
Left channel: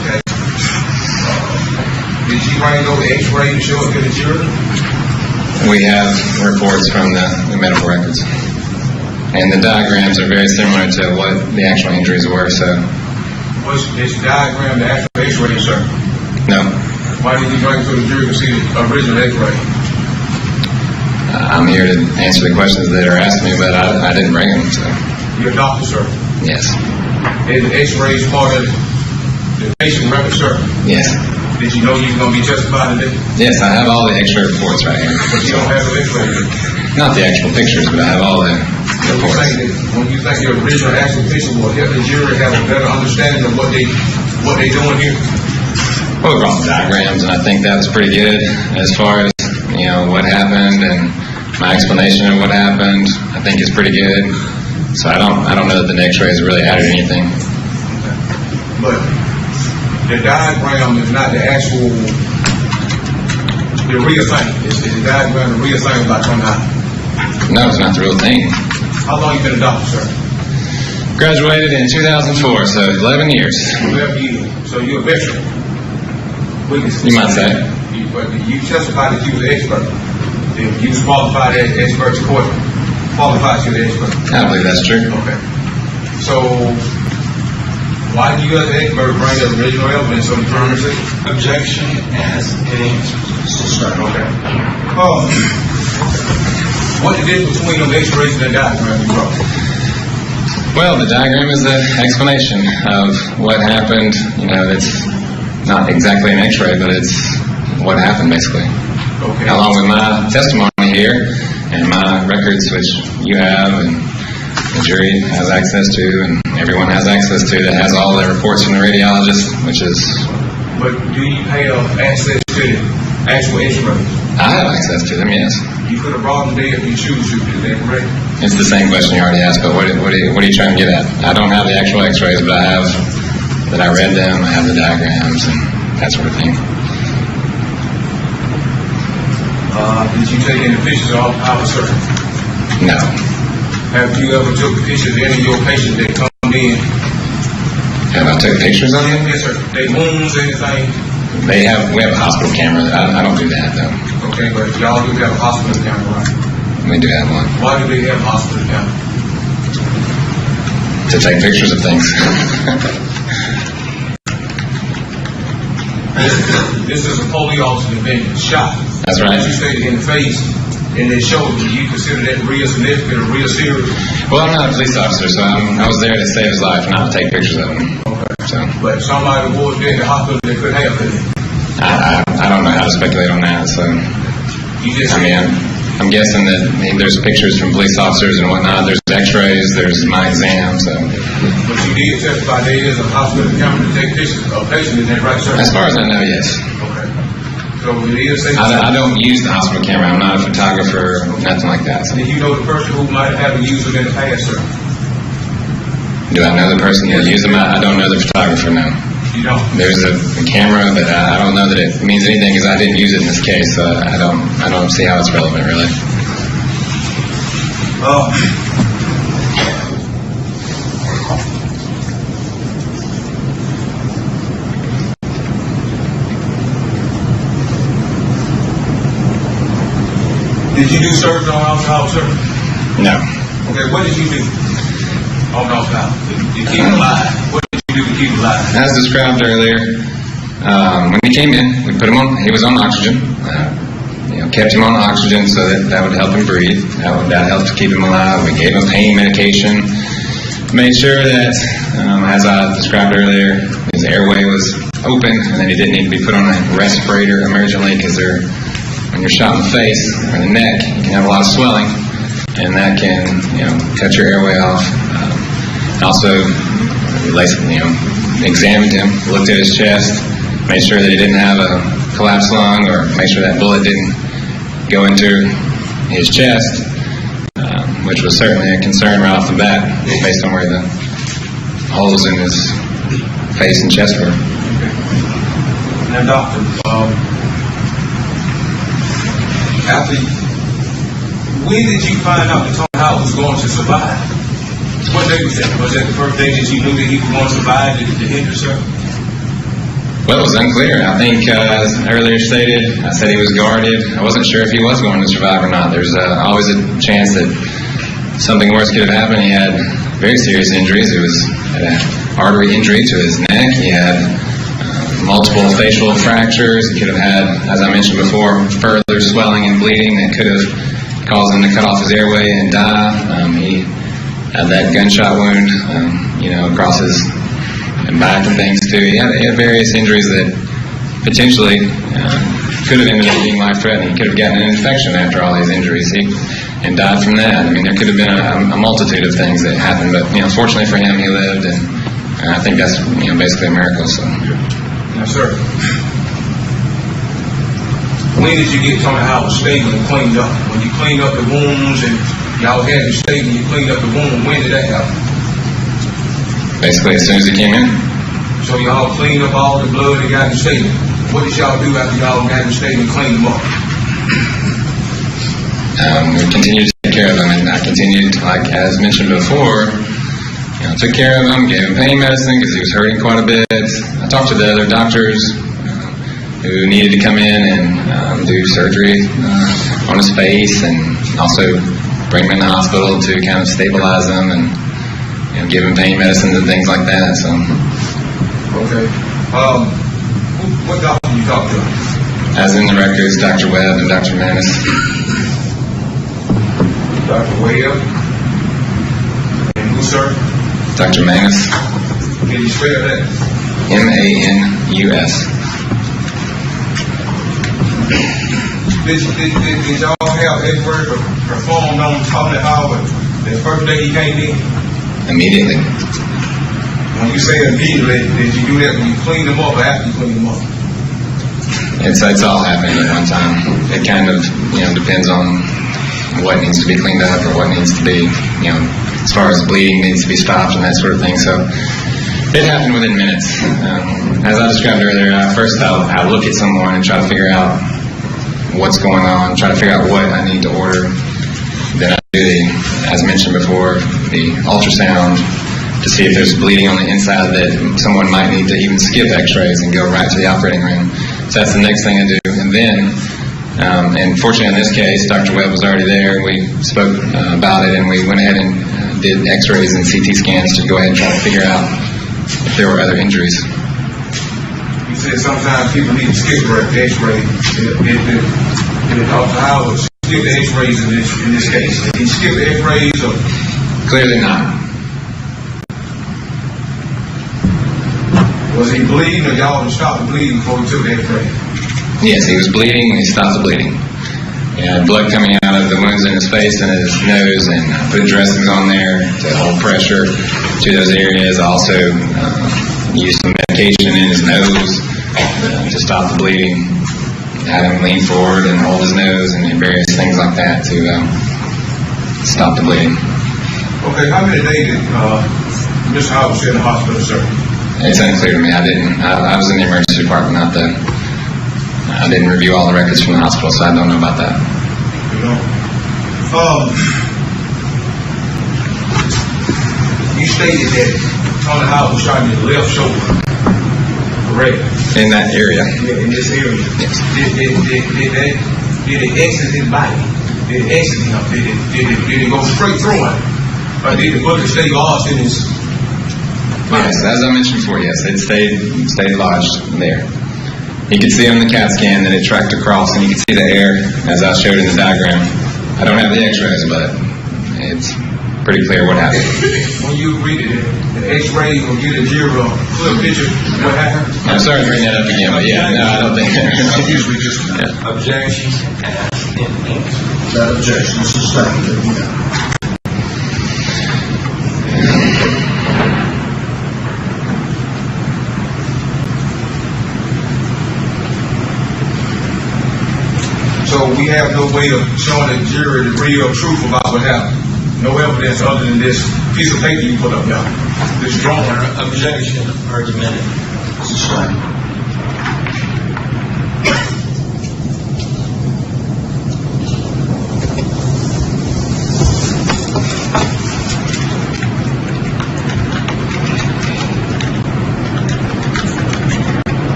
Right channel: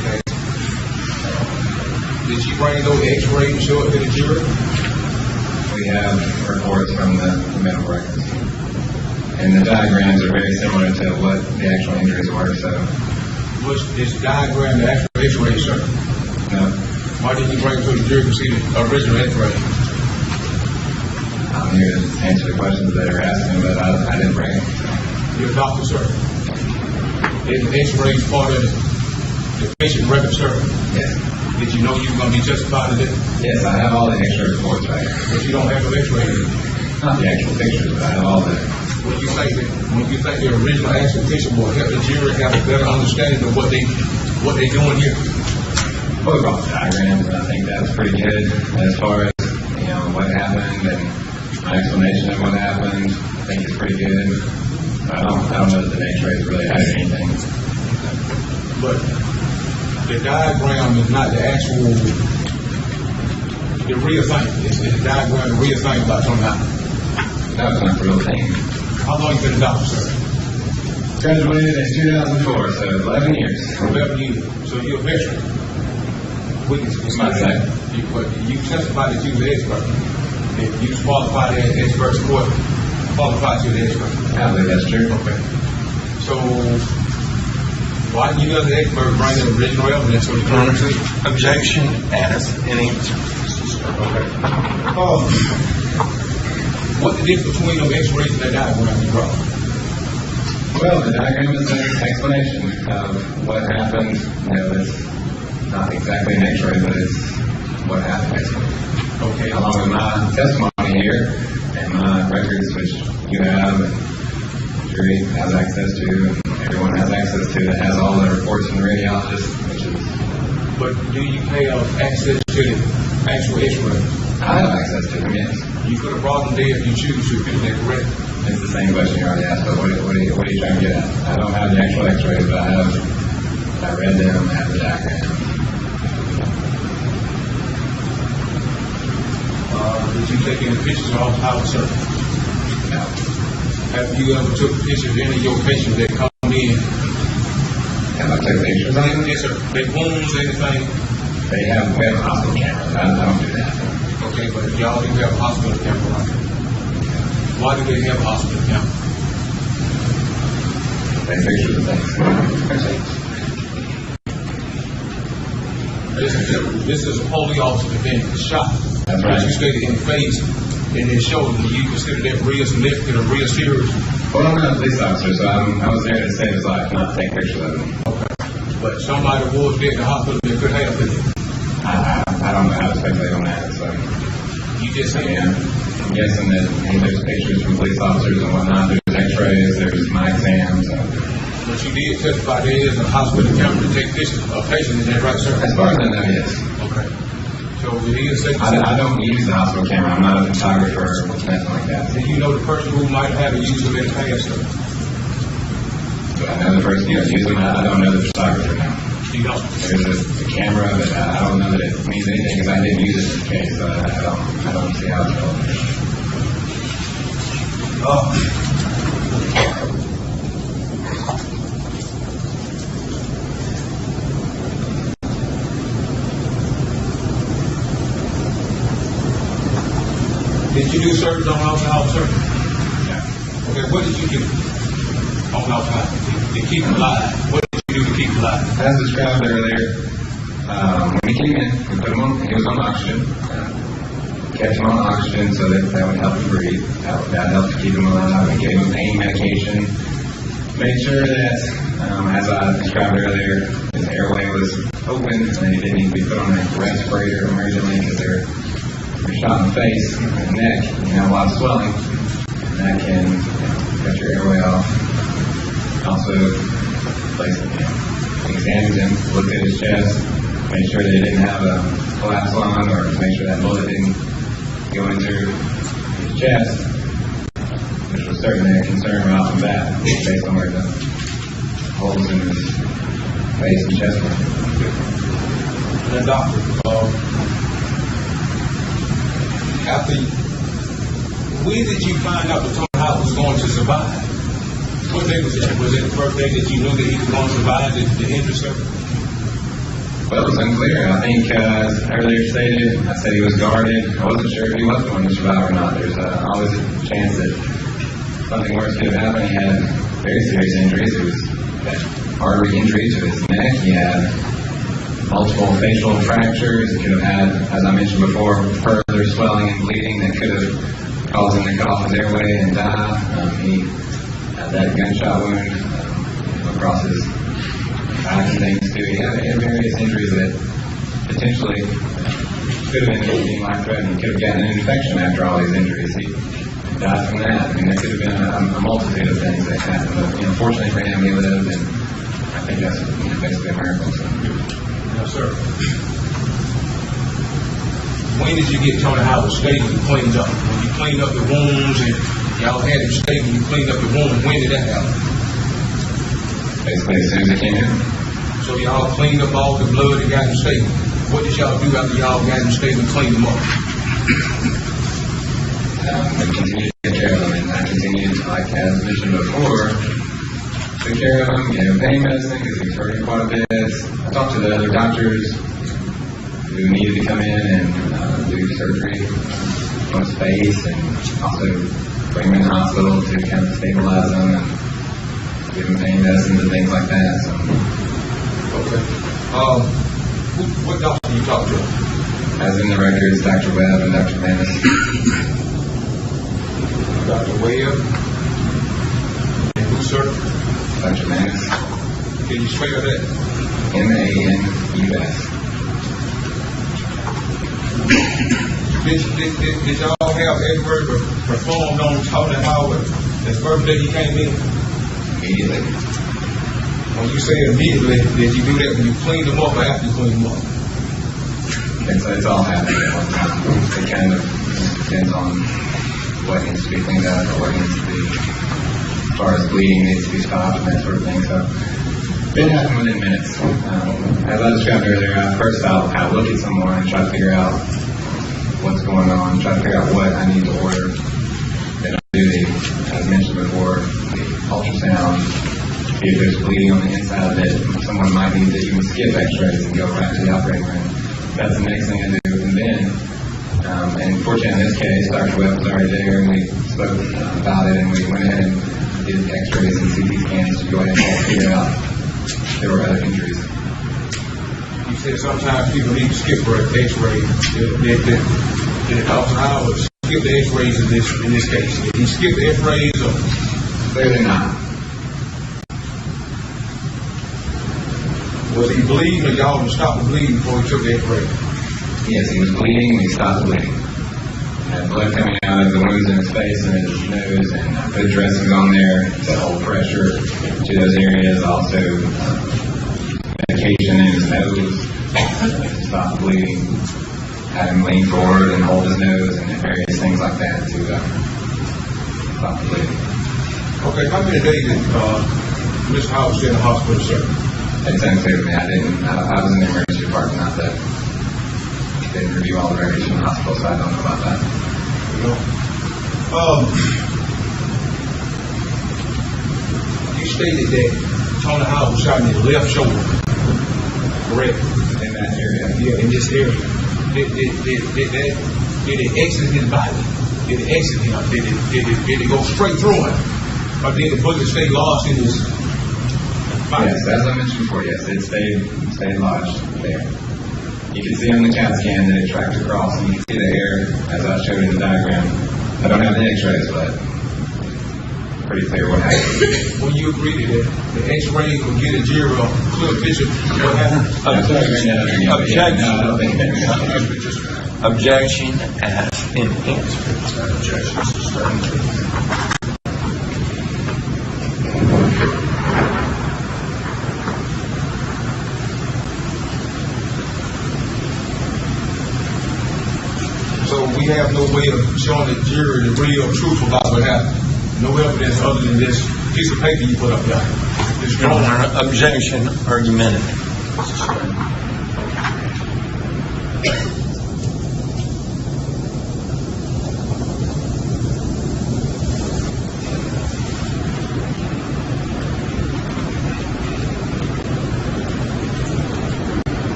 Okay. Did you bring those X-rays and show it to the jury? We have reports from the medical records. And the diagrams are very similar to what the actual injuries were, so. Was this diagram the actual X-ray, sir? No. Why didn't you bring it to the jury to see the original X-ray? I'm here to answer the questions that are asked me, but I didn't bring them, so. You're a doctor, sir. Yes. Is the X-rays part of the patient record, sir? Yes. Did you know you were going to be justified in it? Yes, I have all the extra reports right here. But you don't have the X-ray. Not the actual pictures, but I have all the reports. When you think the original actual picture will help the jury have a better understanding of what they doing here? Well, we brought the diagrams, and I think that was pretty good as far as, what happened and my explanation of what happened. I think it's pretty good. So I don't know that the X-rays really added anything. But the diagram is not the actual, the real thing. Is the diagram the real thing about them out? No, it's not the real thing. How long you been a doctor, sir? Graduated in 2004, so 11 years. 11 years. So you're a veteran. You might say. But you testified that you was an expert. If you was qualified as expert support, qualified you the expert. I believe that's true. Okay. So, why did you as an expert bring the original evidence on the crime scene? Objection as any. Okay. What the difference between them x-rays and the diagram you brought? Well, the diagram is the explanation of what happened. You know, it's not exactly an x-ray, but it's what happened, basically. Okay. Along with my testimony here and my records, which you have and the jury has access to and everyone has access to, that has all the reports from the radiologist, which is... But do you have access to the actual x-rays? I have access to them, yes. You could have brought them there if you choose to, is that correct? It's the same question you already asked, but what are you trying to get at? I don't have the actual x-rays, but I have that I read them, I have the diagrams and that sort of thing. Did you take any pictures of our sir? No. Have you ever took pictures of any of your patients that come in? Have I took pictures of them? Yes, sir. They wounds, anything? We have a hospital camera. I don't do that, though. Okay, but y'all do have a hospital camera, right? We do have one. Why do they have a hospital camera? To take pictures of things. This is a police officer that been shot. That's right. You stated in the face and then shoulder. Do you consider that real significant or real serious? Well, I'm not a police officer, so I was there to save his life, not to take pictures of him. Okay. So But somebody was there in the hospital that could have it. I don't know how to speculate on that. So You just I mean, I'm guessing that there's pictures from police officers and whatnot. There's X-rays. There's my exam. So But you did testify there is a hospital camera to take pictures of patients in that, right, sir? as far as I know, yes. Okay. So it is safe. I don't use the hospital camera. I'm not a photographer, nothing like that. So Did you know the person who might have used them in the past, sir? do I know the person that used them? I don't know the photographer, no. You don't? There's a camera, but I don't know that it means anything because I didn't use it in this case. So I don't see how it's relevant, really. Did you do service on alcohol, sir? No. Okay, what did you do on alcohol to keep him alive? What did you do to keep him alive? As described earlier, when he came in, we put him on. He was on oxygen. Kept him on oxygen so that would help him breathe. That helped to keep him alive. We gave him pain medication. Made sure that, as I described earlier, his airway was open and that he didn't need to be put on a respirator emergently because when you're shot in the face or the neck, you can have a lot of swelling, and that can, cut your airway off. Also, examined him, looked at his chest, made sure that he didn't have a collapsed lung, or made sure that bullet didn't go into his chest, which was certainly a concern right off the bat, based on where the holes in his face and chest were. Now, doctor, when did you find out that Tony Howard was going to survive? What day was that? Was that the first day that you knew that he was going to survive the injury, sir? Well, it was unclear. I think, as earlier stated, I said he was guarded. I wasn't sure if he was going to survive or not. There's always a chance that something worse could have happened. He had very serious injuries. He had an artery injury to his neck. He had multiple facial fractures. He could have had, as I mentioned before, further swelling and bleeding that could have caused him to cut off his airway and die. He had that gunshot wound, across his back and things too. He had various injuries that potentially could have ended up being life-threatening. He could have gotten an infection after all these injuries and died from that. I mean, there could have been a multitude of things that happened, but fortunately for him, he lived, and I think that's basically a miracle. So. Yes, sir. When did you get Tony Howard stable and cleaned up? When you cleaned up the wounds and y'all had him stable and you cleaned up the wound, when did that happen? Basically, as soon as he came in. So y'all cleaned up all the blood and got him stable. What did y'all do after y'all got him stable and cleaned him up? We continued to take care of him, and I continued, like as mentioned before, took care of him, gave him pain medicine because he was hurting quite a bit. I talked to the other doctors who needed to come in and do surgery on his face, and also bring him in the hospital to kind of stabilize him and give him pain medicines and things like that. So, Okay. What doctor you talk to? as in the records, Dr. Webb and Dr. Manis. Dr. Webb. And who, sir? Dr. Manis, Can you spell that? Manus. Did y'all have Edward performed on Tony Howard the first day he came in? Immediately. When you say immediately, did you do that when you cleaned them up or after you cleaned them up? It's all happening at one time. It kind of, depends on what needs to be cleaned up or what needs to be, as far as bleeding needs to be stopped and that sort of thing. So it happened within minutes. As I described earlier, first I'll look at someone and try to figure out what's going on, try to figure out what I need to order. Then I do, as mentioned before, the ultrasound to see if there's bleeding on the inside that someone might need to even skip x-rays and go right to the operating room. So that's the next thing I do. And then, and fortunately in this case, Dr. Webb was already there, and we spoke about it, and we went ahead and did x-rays and CT scans to go ahead and try to figure out if there were other injuries. You said sometimes people need to skip the x-ray. Did Dr. Howard skip the x-rays in this case? Did he skip the x-rays or? Clearly not. Was he bleeding or y'all would stop the bleeding before he took the x-ray? Yes, he was bleeding and he stopped the bleeding. And blood coming out of the wounds in his face and his nose, and I put dressings on there to hold pressure to those areas. I also used some medication in his nose to stop the bleeding. Had him lean forward and hold his nose and various things like that to stop the bleeding. Okay, how many days did Mr. Howard stay in the hospital, sir? It's unclear to me. I was in the emergency department, I didn't review all the records from the hospital, so I don't know about that. You know? You stated that Tony Howard was shot in his left shoulder, correct? In that area. Yeah, in this area. Yes. Did it exit his body? Did it exit him? Did it go straight through him? Or did the bullet stay lodged in his body? Yes, as I mentioned before, yes, it stayed lodged there. You could see on the CAT scan that it tracked across, and you could see the air, as I showed in the diagram. I don't have the x-rays, but it's pretty clear what happened. When you read it, the x-ray will get a jury a clear picture of what happened. I'm sorry to bring that up again, but yeah, no, I don't think Usually just Objection. That objection is sustained. So we have no way of showing the jury the real truth about what happened. No evidence other than this piece of paper you put up there. This drawing. Objection. Argument. Sustained.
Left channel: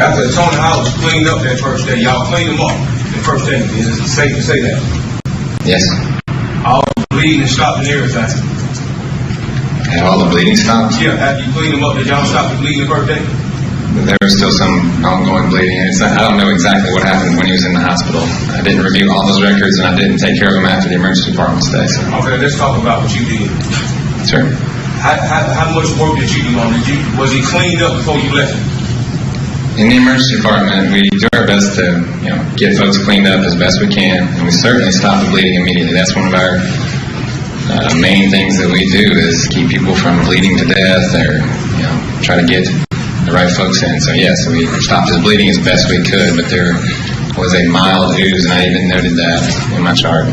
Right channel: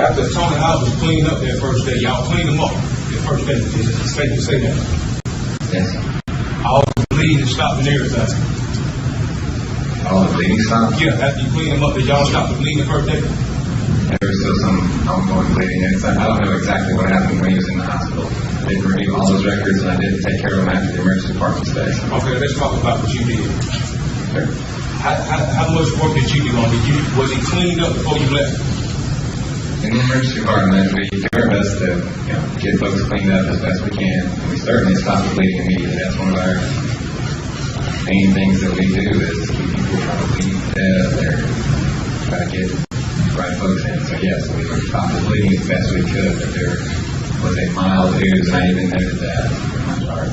After Tony Howard was cleaned up that first day, y'all cleaned him up the first day. Is it safe to say that? Yes. All the bleeding stopped and everything. And all the bleeding stopped. Yeah, after you cleaned him up, did y'all stop the bleeding the first day? But there was still some ongoing bleeding. I don't know exactly what happened when he was in the hospital. I didn't review all those records, and I didn't take care of him after the emergency department stay. So. Okay, let's talk about what you did. Sure. How much work did you do on it? Was he cleaned up before you left? In the emergency department, we do our best to get folks cleaned up as best we can, and we certainly stop the bleeding immediately. That's one of our main things that we do is keep people from bleeding to death, or try to get the right folks in. So yes, we stopped his bleeding as best we could, but there was a mild ooze, and I even noted that in my chart,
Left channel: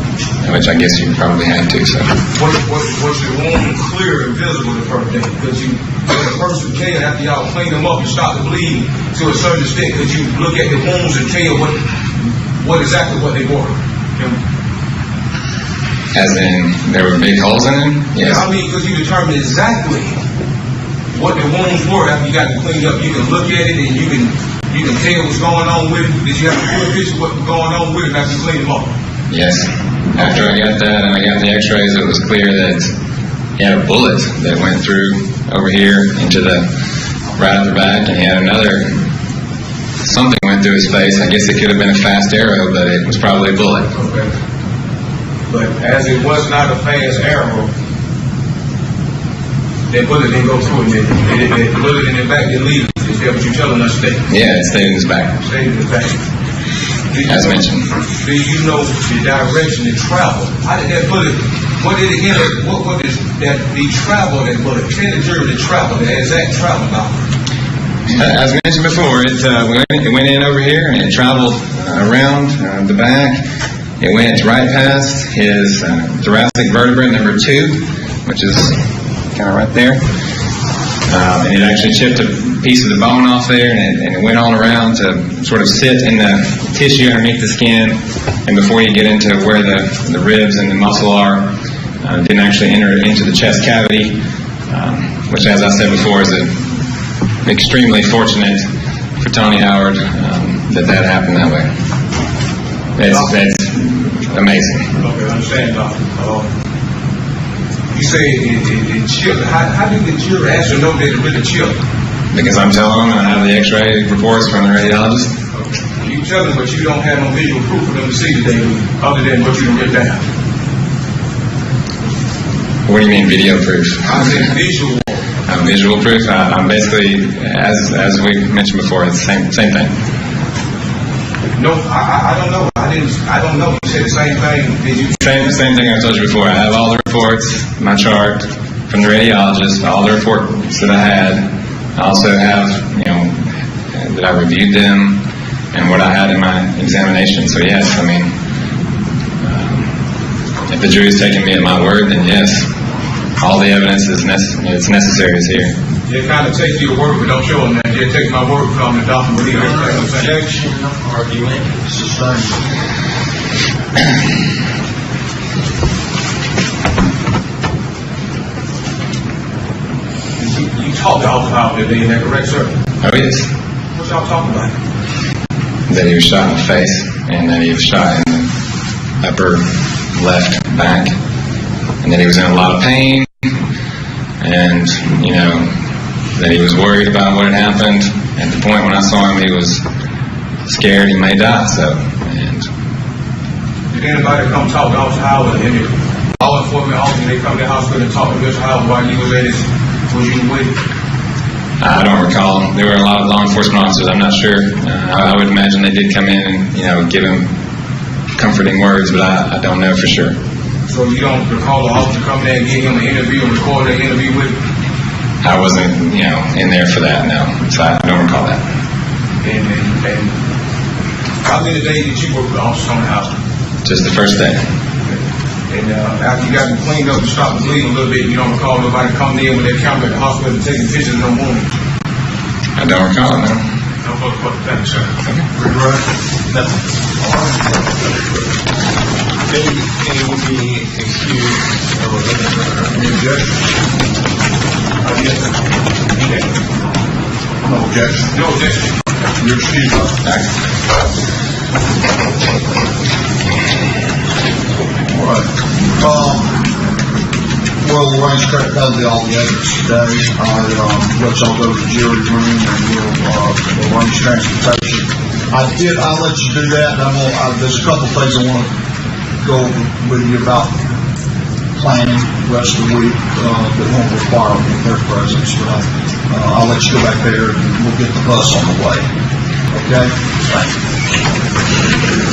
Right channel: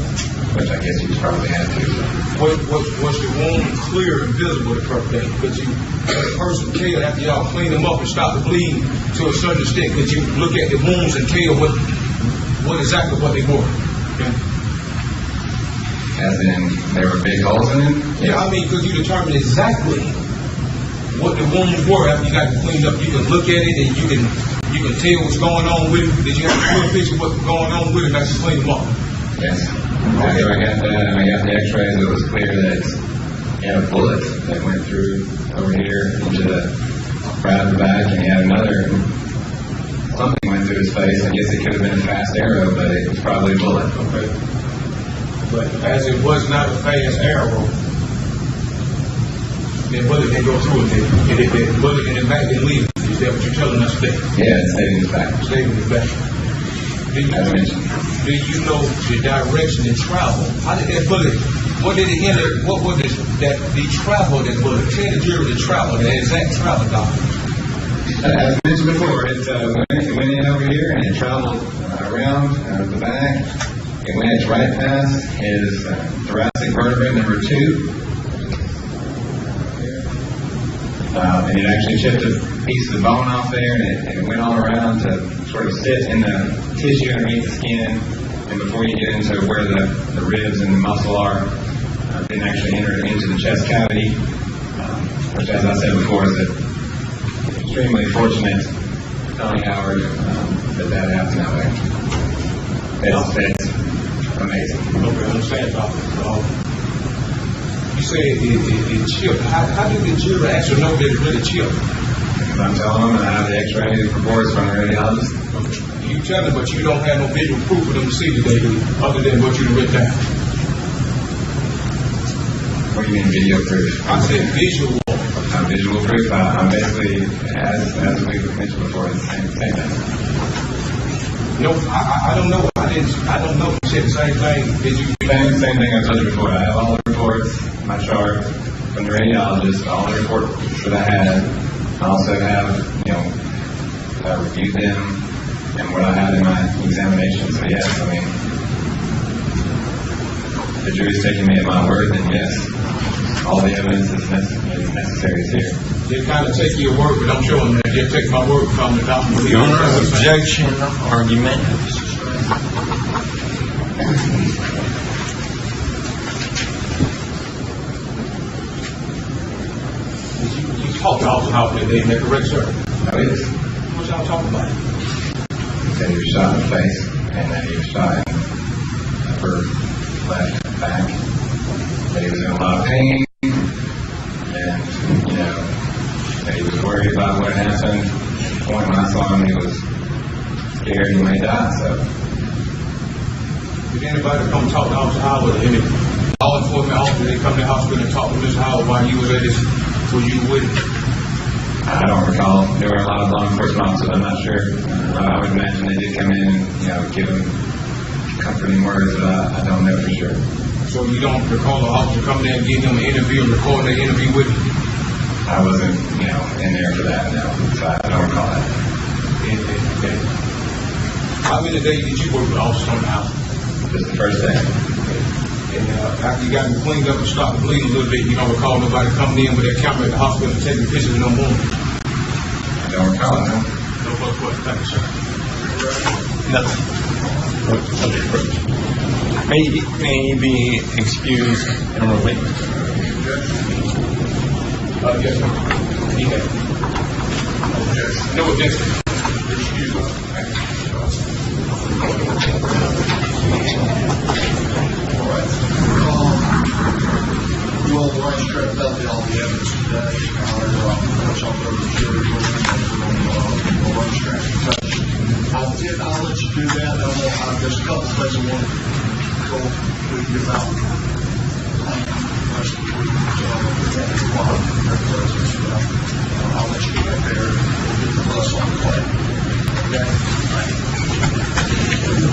which I guess you probably had to. So Was the wound clear and visible the first day? Because the person can, after y'all clean them up and stop the bleeding to a certain extent, because you look at the wounds and tell what exactly what they were. as in there were big holes in them? Yes. I mean, because you determined exactly what the wounds were after you got them cleaned up. You can look at it and you can tell what's going on with it. Did you have a clear picture of what's going on with it after you cleaned them up? Yes. After I got that and I got the x-rays, it was clear that he had a bullet that went through over here into the right of the back, and he had another, something went through his face. I guess it could have been a fast arrow, but it was probably a bullet. Okay. But as it was not a fast arrow, that bullet didn't go through it. The bullet in the back didn't leave. Is that what you're telling us today? Yeah, it stayed in his back, Stayed in the back. as mentioned. Do you know the direction it traveled? How did that bullet, what did it enter, what was that the travel that bullet? Tell the jury the travel, the exact travel now. As mentioned before, it went in over here and it traveled around the back. It went right past his thoracic vertebra number 2, which is kind of right there. And it actually chipped a piece of the bone off there, and it went on around to sort of sit in the tissue underneath the skin. And before you get into where the ribs and the muscle are, didn't actually enter into the chest cavity, which, as I said before, is extremely fortunate for Tony Howard that happened that way. That's amazing. Okay, I understand, Doctor. You say it chipped. How did the jury actually know that it really chipped? Because I'm telling them, and I have the X-ray reports from the radiologist. Okay. You tell them, but you don't have no visual proof for them to see today, other than what you wrote down. What do you mean video proof? I said visual. Visual proof. I'm basically, as we mentioned before, it's the same thing. No, I don't know. I don't know. You said the same thing. Did you? Same thing I told you before. I have all the reports, my chart from the radiologist, all the reports that I had. I also have, that I reviewed them and what I had in my examination. So yes, I mean, if the jury's taking me at my word, then yes, all the evidence is necessary is here. You kind of take your word, but don't show them that. You take my word, come the doctor. Your objection, argument, sustained. You talked to Officer Howard today, is that correct, sir? Oh yes. What y'all talking about? That he was shot in the face, and that he was shot in the upper left back, and that he was in a lot of pain, and that he was worried about what had happened. At the point when I saw him, he was scared he may die. So, and Did anybody come talk to Officer Howard? Any law enforcement officer, they come to the hospital and talk to Mr. Howard while you was at his, was you with him? I don't recall. There were a lot of law enforcement officers. I'm not sure. I would imagine they did come in and give him comforting words, but I don't know for sure. So you don't recall the officer coming there and giving him an interview and recording an interview with him? I wasn't, in there for that, no. So I don't recall that. And how many days did you work with the officer on the house? Just the first day. And after you got him cleaned up and stopped the bleeding a little bit, you don't recall nobody coming in with their camera at the hospital and taking pictures of no wound? I don't recall, no. No further questions. Thank you, sir. Nothing. Can you be excused? Yes, sir. No objection. No objection. You're excused. All right. We'll arrange to cut all the evidence today. I'll let y'all go to the jury room and we'll arrange transportation. I'll let you do that. There's a couple things I want to go with you about planning the rest of the week that won't require their presence. But I'll let you go back there and we'll get the bus on the way. Okay? Thank you.